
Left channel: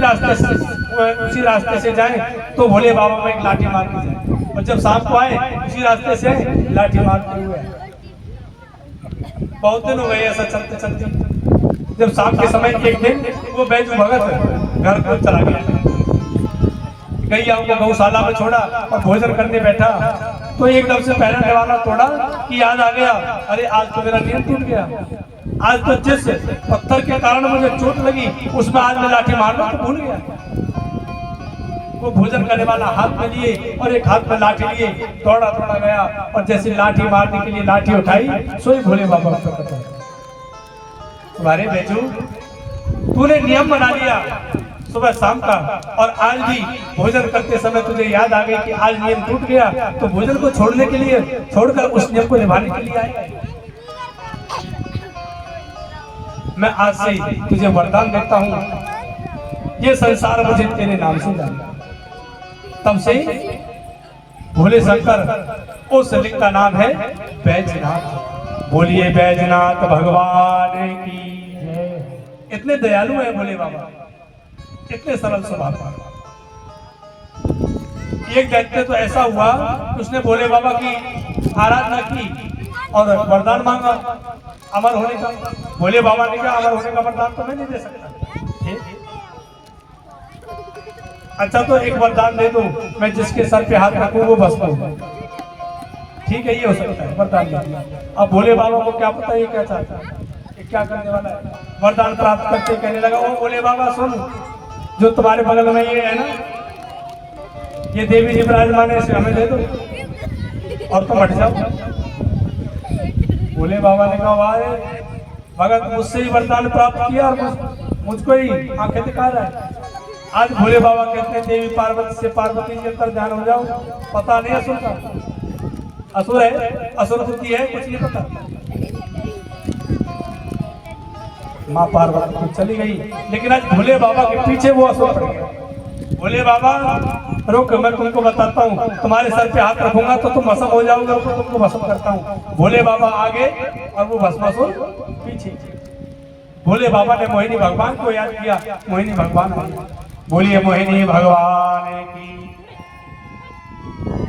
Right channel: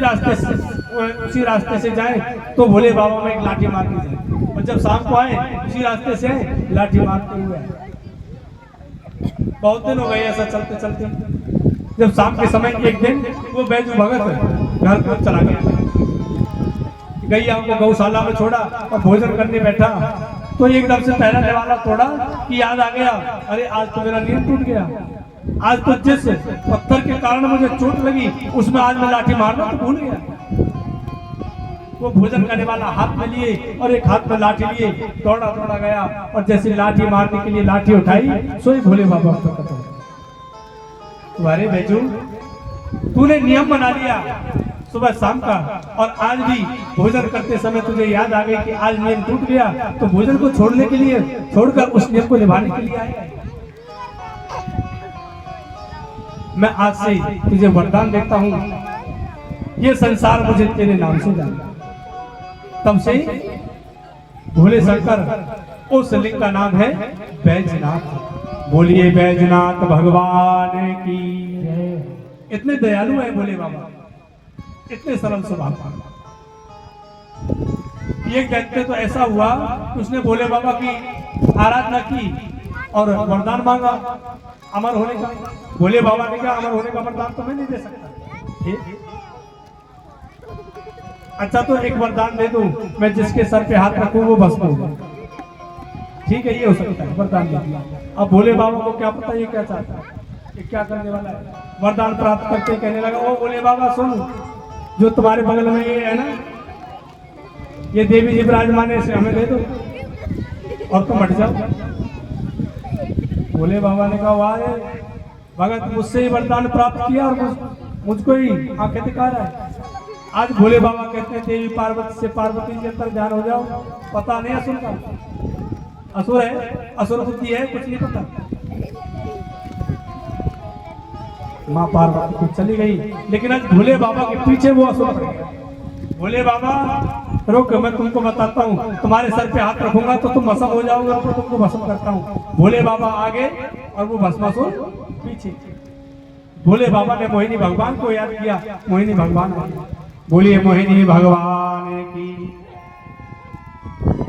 रास्ते से जाए तो भोले बाबा में एक लाठी मार के जाए, और जब शाम को आए उसी रास्ते से लाठी मारते हुए आए। बहुत दिन हो गए ऐसा चलते चलते। जब शाम के समय एक दिन वो बैजू भगत घर को चला गया, गैया को गौशाला में छोड़ा और भोजन करने बैठा तो एकदम से पहला निवाला तोड़ा कि याद आ गया, अरे आज तो मेरा नियम टूट गया, आज तो जिस पत्थर के कारण मुझे चोट लगी उसमें आज मैं लाठी मारना तो भूल गया। वो भोजन करने वाला हाथ में लिए और एक हाथ में लाठी लिए दौड़ा गया, और जैसे लाठी मारने के लिए लाठी उठाई सोई भोले बाबा प्रकट हो। तुम्हारे बैजू, तूने नियम बना लिया सुबह शाम का, और आज भी भोजन करते समय तुझे याद आ गई कि आज नियम टूट गया, तो भोजन को छोड़ने के लिए, छोड़कर उस नियम को निभाने के लिए आए। मैं आज से तुझे वरदान देता हूँ, ये संसार मुझे तेरे नाम से जाने। तब से भोले शंकर उस लिंग का नाम है बैजनाथ। बोलिए बैजनाथ भगवान की जय। इतने दयालु है भोले बाबा, इतने सरल स्वभाव का। एक व्यक्ति तो ऐसा हुआ कि उसने भोले बाबा की आराधना की और वरदान मांगा अमर होने का। भोले बाबा ने कहा, अमर होने का वरदान तो मैं नहीं दे सकता। अच्छा तो एक वरदान दे दो, मैं जिसके सर पे हाथ रखूं वो भस्म हो जाए। ठीक है, ये हो सकता है, वरदान दे दिया। अब भोले बाबा को क्या पता ये क्या चाहता है, ये क्या करने वाला है। वरदान प्राप्त करते कहने लगा, ओ भोले बाबा सुन, जो तुम्हारे बगल में ये है ना, ये देवी जी विराजमान है, इसे हमें दे दो और तुम हट जाओ। भोले बाबा ने कहा, वाह भगत, मुझसे ही वरदान प्राप्त किया और मुझको ही आंखें दिखा रहा है। आज भोले बाबा कहते हैं देवी पार्वती से पार्वती जी अंतर ध्यान हो जाओ। पता नहीं असुर का, असुर है, असुर बुद्धि है, कुछ नहीं पता। माँ पार्वती तो चली गई, लेकिन आज भोले बाबा के पीछे वो असुर पड़ गया। भोले बाबा रुक, मैं तुमको बताता हूँ, तुम्हारे सर पे हाथ रखूंगा तो तुम भस्म हो जाओगे, तो तुमको भस्म करता हूँ। भोले बाबा आगे और वो भस्मासुर पीछे। भोले बाबा ने मोहिनी भगवान को याद किया, मोहिनी भगवान बोलिए मोहिनी भगवान की।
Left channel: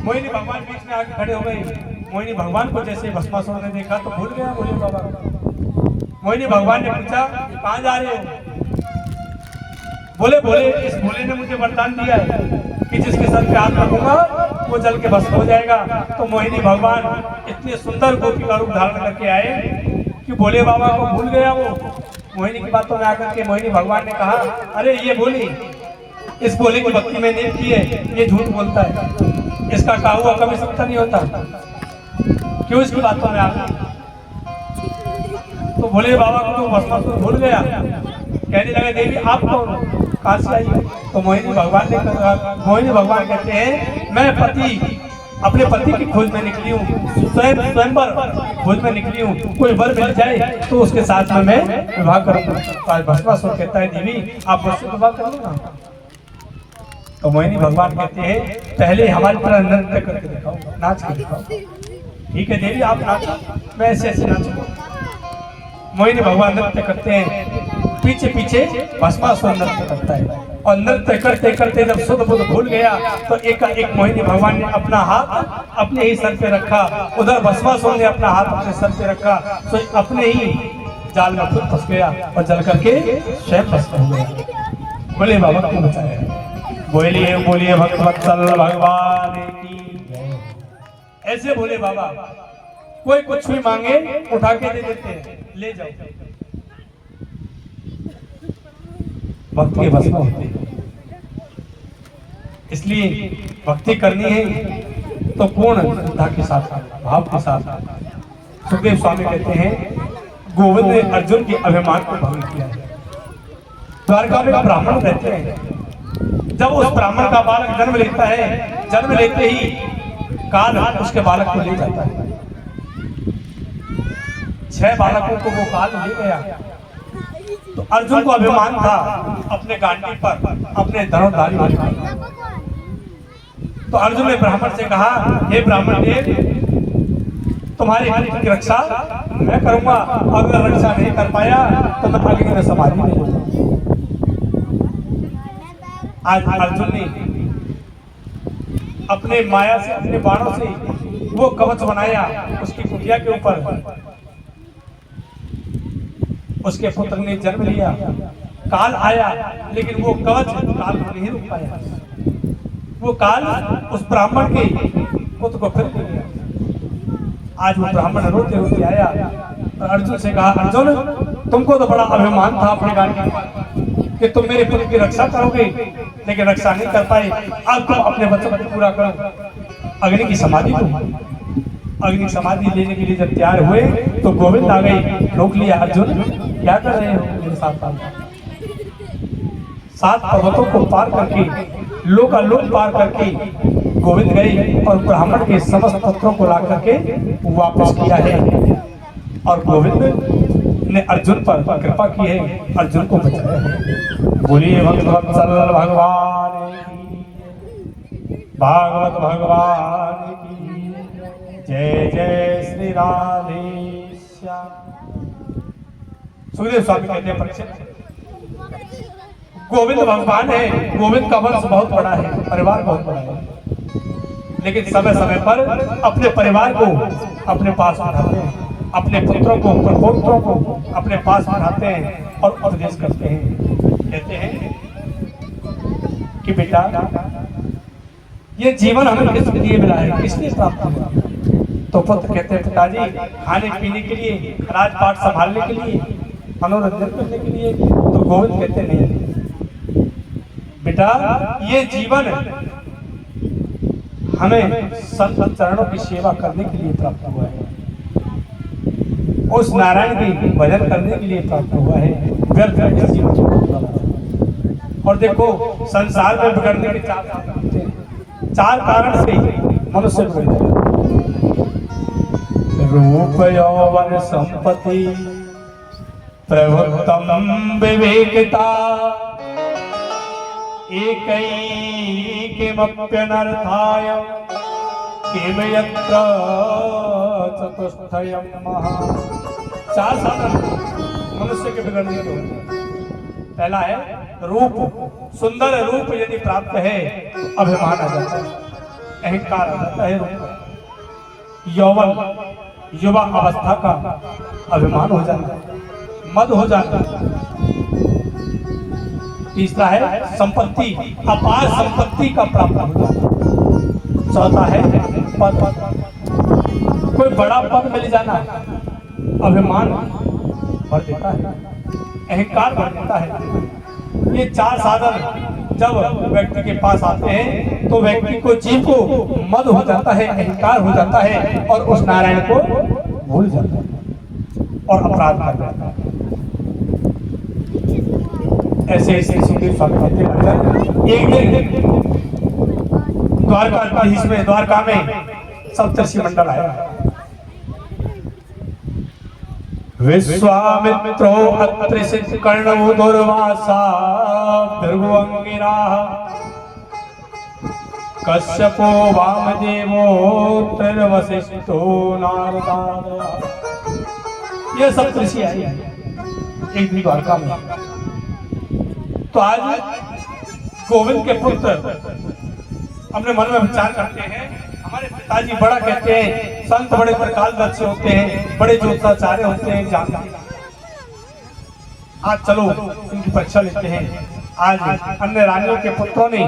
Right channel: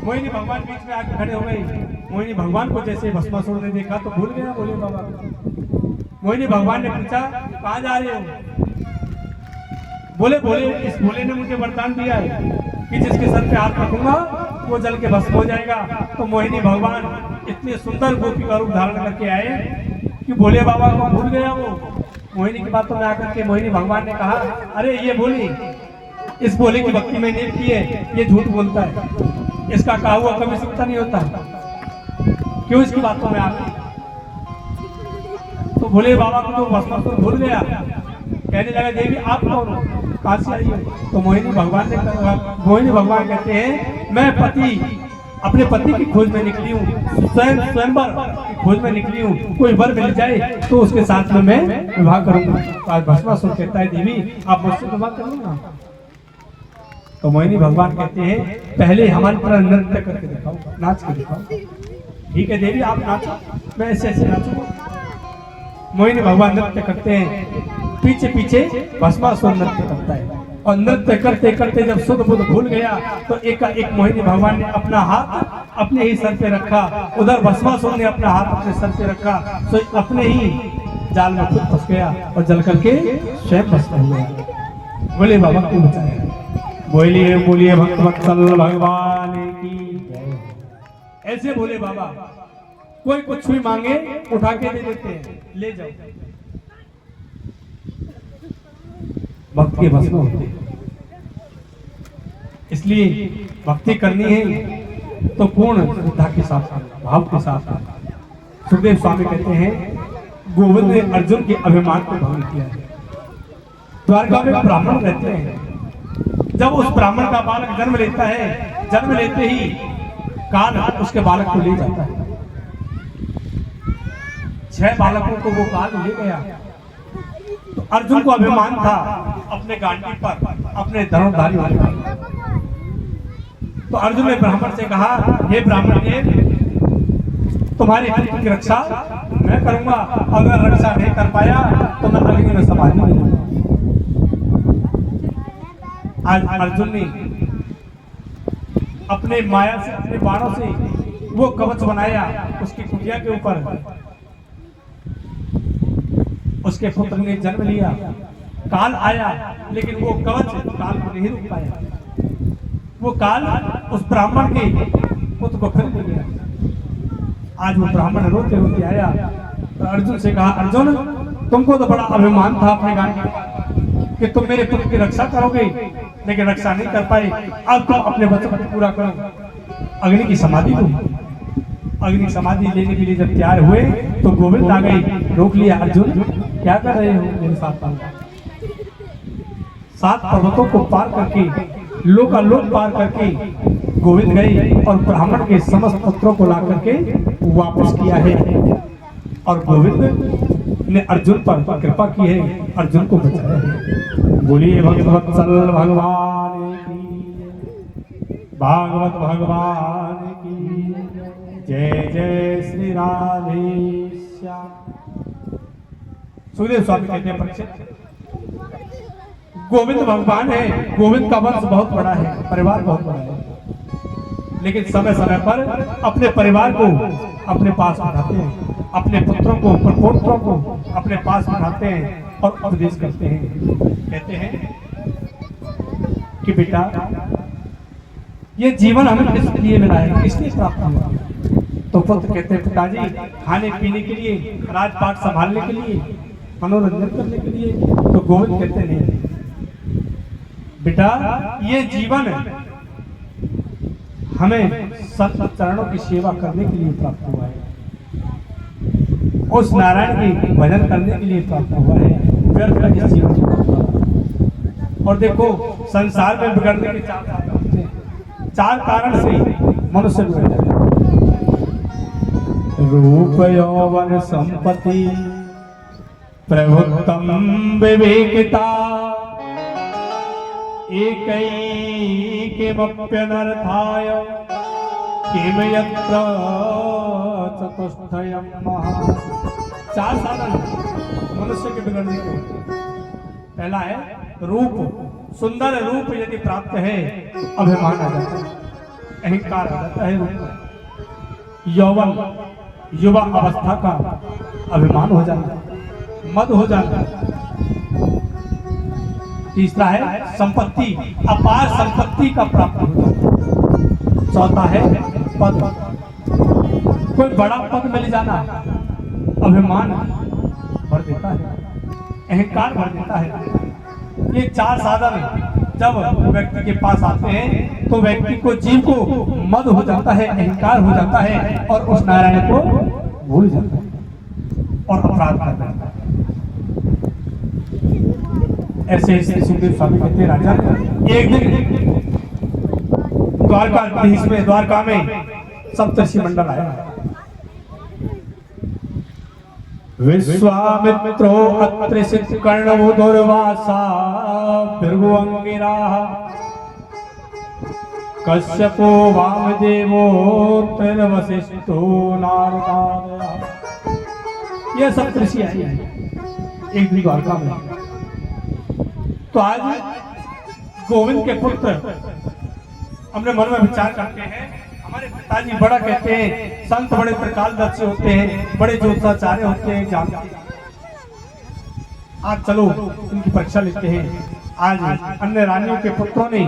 मोहिनी भगवान बीच में आके खड़े हो गई। मोहिनी भगवान को जैसे भस्मासुर ने देखा तो भूल गया भोले बाबा। मोहिनी भगवान ने पूछा, कहाँ जा रहे हो? बोले भोले, इस भोले ने मुझे वरदान दिया है कि जिसके सर पे हाथ रखूंगा वो जल के भस्म हो जाएगा। तो मोहिनी भगवान इतने सुंदर गोपी का रूप धारण करके आए कि भोले बाबा को भूल गया वो। मोहिनी की बातों में आकर के मोहिनी भगवान ने कहा, अरे ये बोली, इस भोले की भक्ति में नहीं की है, ये झूठ बोलता है, इसका कहा हुआ कभी सत्य नहीं होता, क्यों इसकी बातों में आ गई? तो भोले बाबा को तो भस्मासुर भूल गया। कहने लगा, देवी आप कहाँ से आई? तो मोहिनी भगवान ने कहा, मोहिनी भगवान कहते हैं, मैं अपने पति की खोज में निकली हूँ, स्वयंवर की खोज में निकली हूँ। कोई वर मिल जाए तो उसके साथ में मैं विवाह करूंगा। तो आज भस्मासुर कहता है, देवी आप मुझसे विवाह करूंगा? तो मोहिनी भगवान कहते हैं, पहले हमारी तरह नृत्य करके दिखाओ, नाच कर दिखाओ। ठीक है देवी, आप नाचो, मैं ऐसे ऐसे नाचूंगा। मोहिनी भगवान नृत्य करते हैं, पीछे पीछे भस्मासुर नृत्य करता है। और नृत्य करते करते जब सुध बुध भूल गया तो एक मोहिनी भगवान ने अपना हाथ अपने ही सर पे रखा, उधर भस्मासुर ने अपना हाथ अपने सर पे रखा, तो अपने ही जाल में खुद फंस गया और जल करके स्वयं भस्म हो गया। भोले बाबा को बचाया। बोलिए बोलिए भक्तवत्सल भगवान की। ऐसे भोले बाबा कोई कुछ भी मांगे उठा के दे देते हैं, ले जाओ, भक्त के बस में होते हैं। इसलिए भक्ति करनी है तो पूर्ण श्रद्धा के साथ, भाव के साथ। सुखदेव स्वामी कहते हैं, गोविंद ने अर्जुन के अभिमान को भंग किया है। द्वारका में ब्राह्मण रहते हैं, जब उस ब्राह्मण का बालक जन्म लेता है, जन्म लेते ही काल उसके बालक को ले जाता है। 6 बालकों को वो काल ले गया। तो अर्जुन को अभिमान था अपने गांडी पर, अपने धनुर्धारी होने पर। तो अर्जुन ने ब्राह्मण से कहा, हे ब्राह्मण देव, तुम्हारे पुत्र की रक्षा मैं करूंगा, अगर रक्षा नहीं कर पाया तो मैं अग्नि में समाधि नहीं दूंगा। आज अर्जुन ने अपने माया से, अपने बाणों से वो कवच बनाया उसकी कुटिया के ऊपर। उसके पुत्र ने जन्म लिया, काल आया, लेकिन वो कवच काल को नहीं रोक पाया। वो काल उस ब्राह्मण के पुत्र को फिर ले गया। आज वो ब्राह्मण रोते रोते आया तो अर्जुन से कहा, अर्जुन तुमको तो बड़ा अभिमान था अपने गांडी कि तुम मेरे पुत्र की रक्षा करोगे, लेकिन रक्षा नहीं कर पाए। अब तुम अपने वचन को पूरा करो, अग्नि की समाधि दो। अग्नि समाधि लेने के लिए जब तैयार हुए तो गोविंद आ गए, रोक लिया। अर्जुन क्या कर रहे हो मेरे साथ? 7 पर्वतों को पार करके, लोकालोक पार करके गोविंद गए और ब्राह्मण के समस्त पुत्रों को ला करके वापस किया है। और गोविंद ने अर्जुन पर कृपा की है, अर्जुन को बचाया है। बोलिए भक्तवत्सल भगवान की, भागवत भगवान की जय। जय श्री राधेश्याम। सुखदेव स्वामी कहते हैं, परीक्षित, गोविंद भगवान है, गोविंद का वंश बहुत बड़ा है, परिवार बहुत बड़ा है, लेकिन समय समय पर अपने परिवार को अपने पास बिठाते हैं, अपने पुत्रों को, प्रपौत्रों को अपने पास बिठाते हैं और उपदेश करते हैं। कहते हैं कि बेटा ये जीवन हमें किस लिए मिला है, किस लिए प्राप्त हुआ। तो पुत्र कहते हैं पिताजी खाने पीने के लिए, राजपाट संभालने के लिए, मनोरंजन करने के लिए। तो गोविंद कहते नहीं बेटा, ये जीवन हमें संत चरणों की सेवा करने के लिए प्राप्त हुआ है, उस नारायण की भजन करने के लिए प्राप्त हुआ है। व्यर्थ का जीवन। और देखो संसार में बिगड़ने के चार कारण से मनुष्य बिगड़ जाता है। रूप यौवन संपत्ति प्रभुत्तम विवेकिता एकैकिमप्यनर्थाय किम यत्र चतुष्टयम् महा। चार साधन मनुष्य के बिगड़ने के। पहला है रूप। सुंदर रूप यदि प्राप्त है तो अभिमान आ जाता है, अहंकार आ जाता है। रूप यौवन, युवा अवस्था का अभिमान हो जाता है, मद हो जाता है। तीसरा है संपत्ति, अपार संपत्ति का प्राप्त हो जाता है। चौथा है पद, कोई बड़ा पद मिल जाना, अभिमान भर देता है, अहंकार भर देता है। ये चार साधन जब व्यक्ति के पास आते हैं तो व्यक्ति को जीव को मद हो जाता है, अहंकार हो जाता है और उस नारायण को भूल जाता है और अपराध कर देता है। ऐसे ऐसे सुखदेव स्वामी कहते हैं राजा, एक दिन द्वारका में सप्तर्षि मंडल आया। विश्वामित्रो अत्रिशित कर्णो दुर्वासा भृगुअंगिरा कश्यपो वामदेवो वशिष्ठो नारदादया। ये सप्तर्षि आए एक दिन द्वारका में। तो आज गोविंद के पुत्र अपने मन में विचार करते हैं, हमारे पिताजी बड़ा कहते हैं, संत बड़े त्रिकालदर्शी होते हैं, बड़े ज्योतिषाचार्य होते हैं, जानते हैं। आज चलो इनकी परीक्षा लेते हैं। आज अन्य रानियों के पुत्रों ने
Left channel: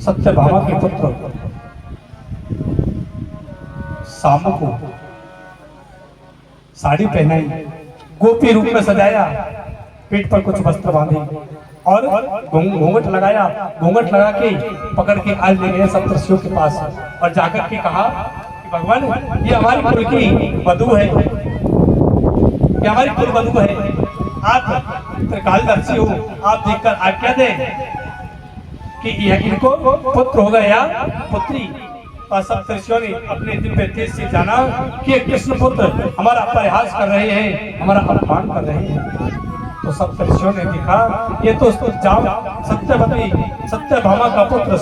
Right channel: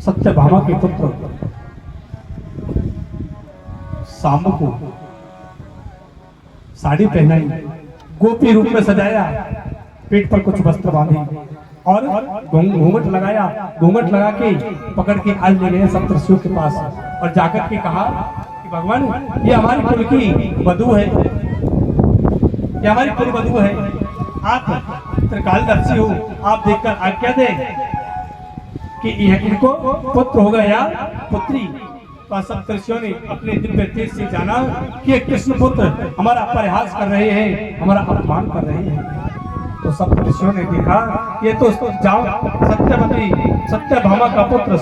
सत्यभामा के पुत्र शाम को साड़ी पहनाई, गोपी रूप में सजाया, पेट पर कुछ वस्त्र बांधे और घूंघट लगाया। घूंघट लगा के पकड़ के आज ले गए सप्तर्षियों के पास और जाकर के कहा कि भगवान ये हमारी कुल की वधू है, ये हमारी कुल वधू है, आप त्रिकालदर्शी हो, आप देखकर आज्ञा दें कि इनको पुत्र होगा या पुत्री। सप्तर्षियों ने अपने दिव्य तेज से जाना कि कृष्ण पुत्र हमारा परिहास कर रहे हैं, हमारा अपमान कर रहे हैं। तो सप्तर्षियों ने देखा ये तो जाओ सत्यवती सत्यभामा का पुत्र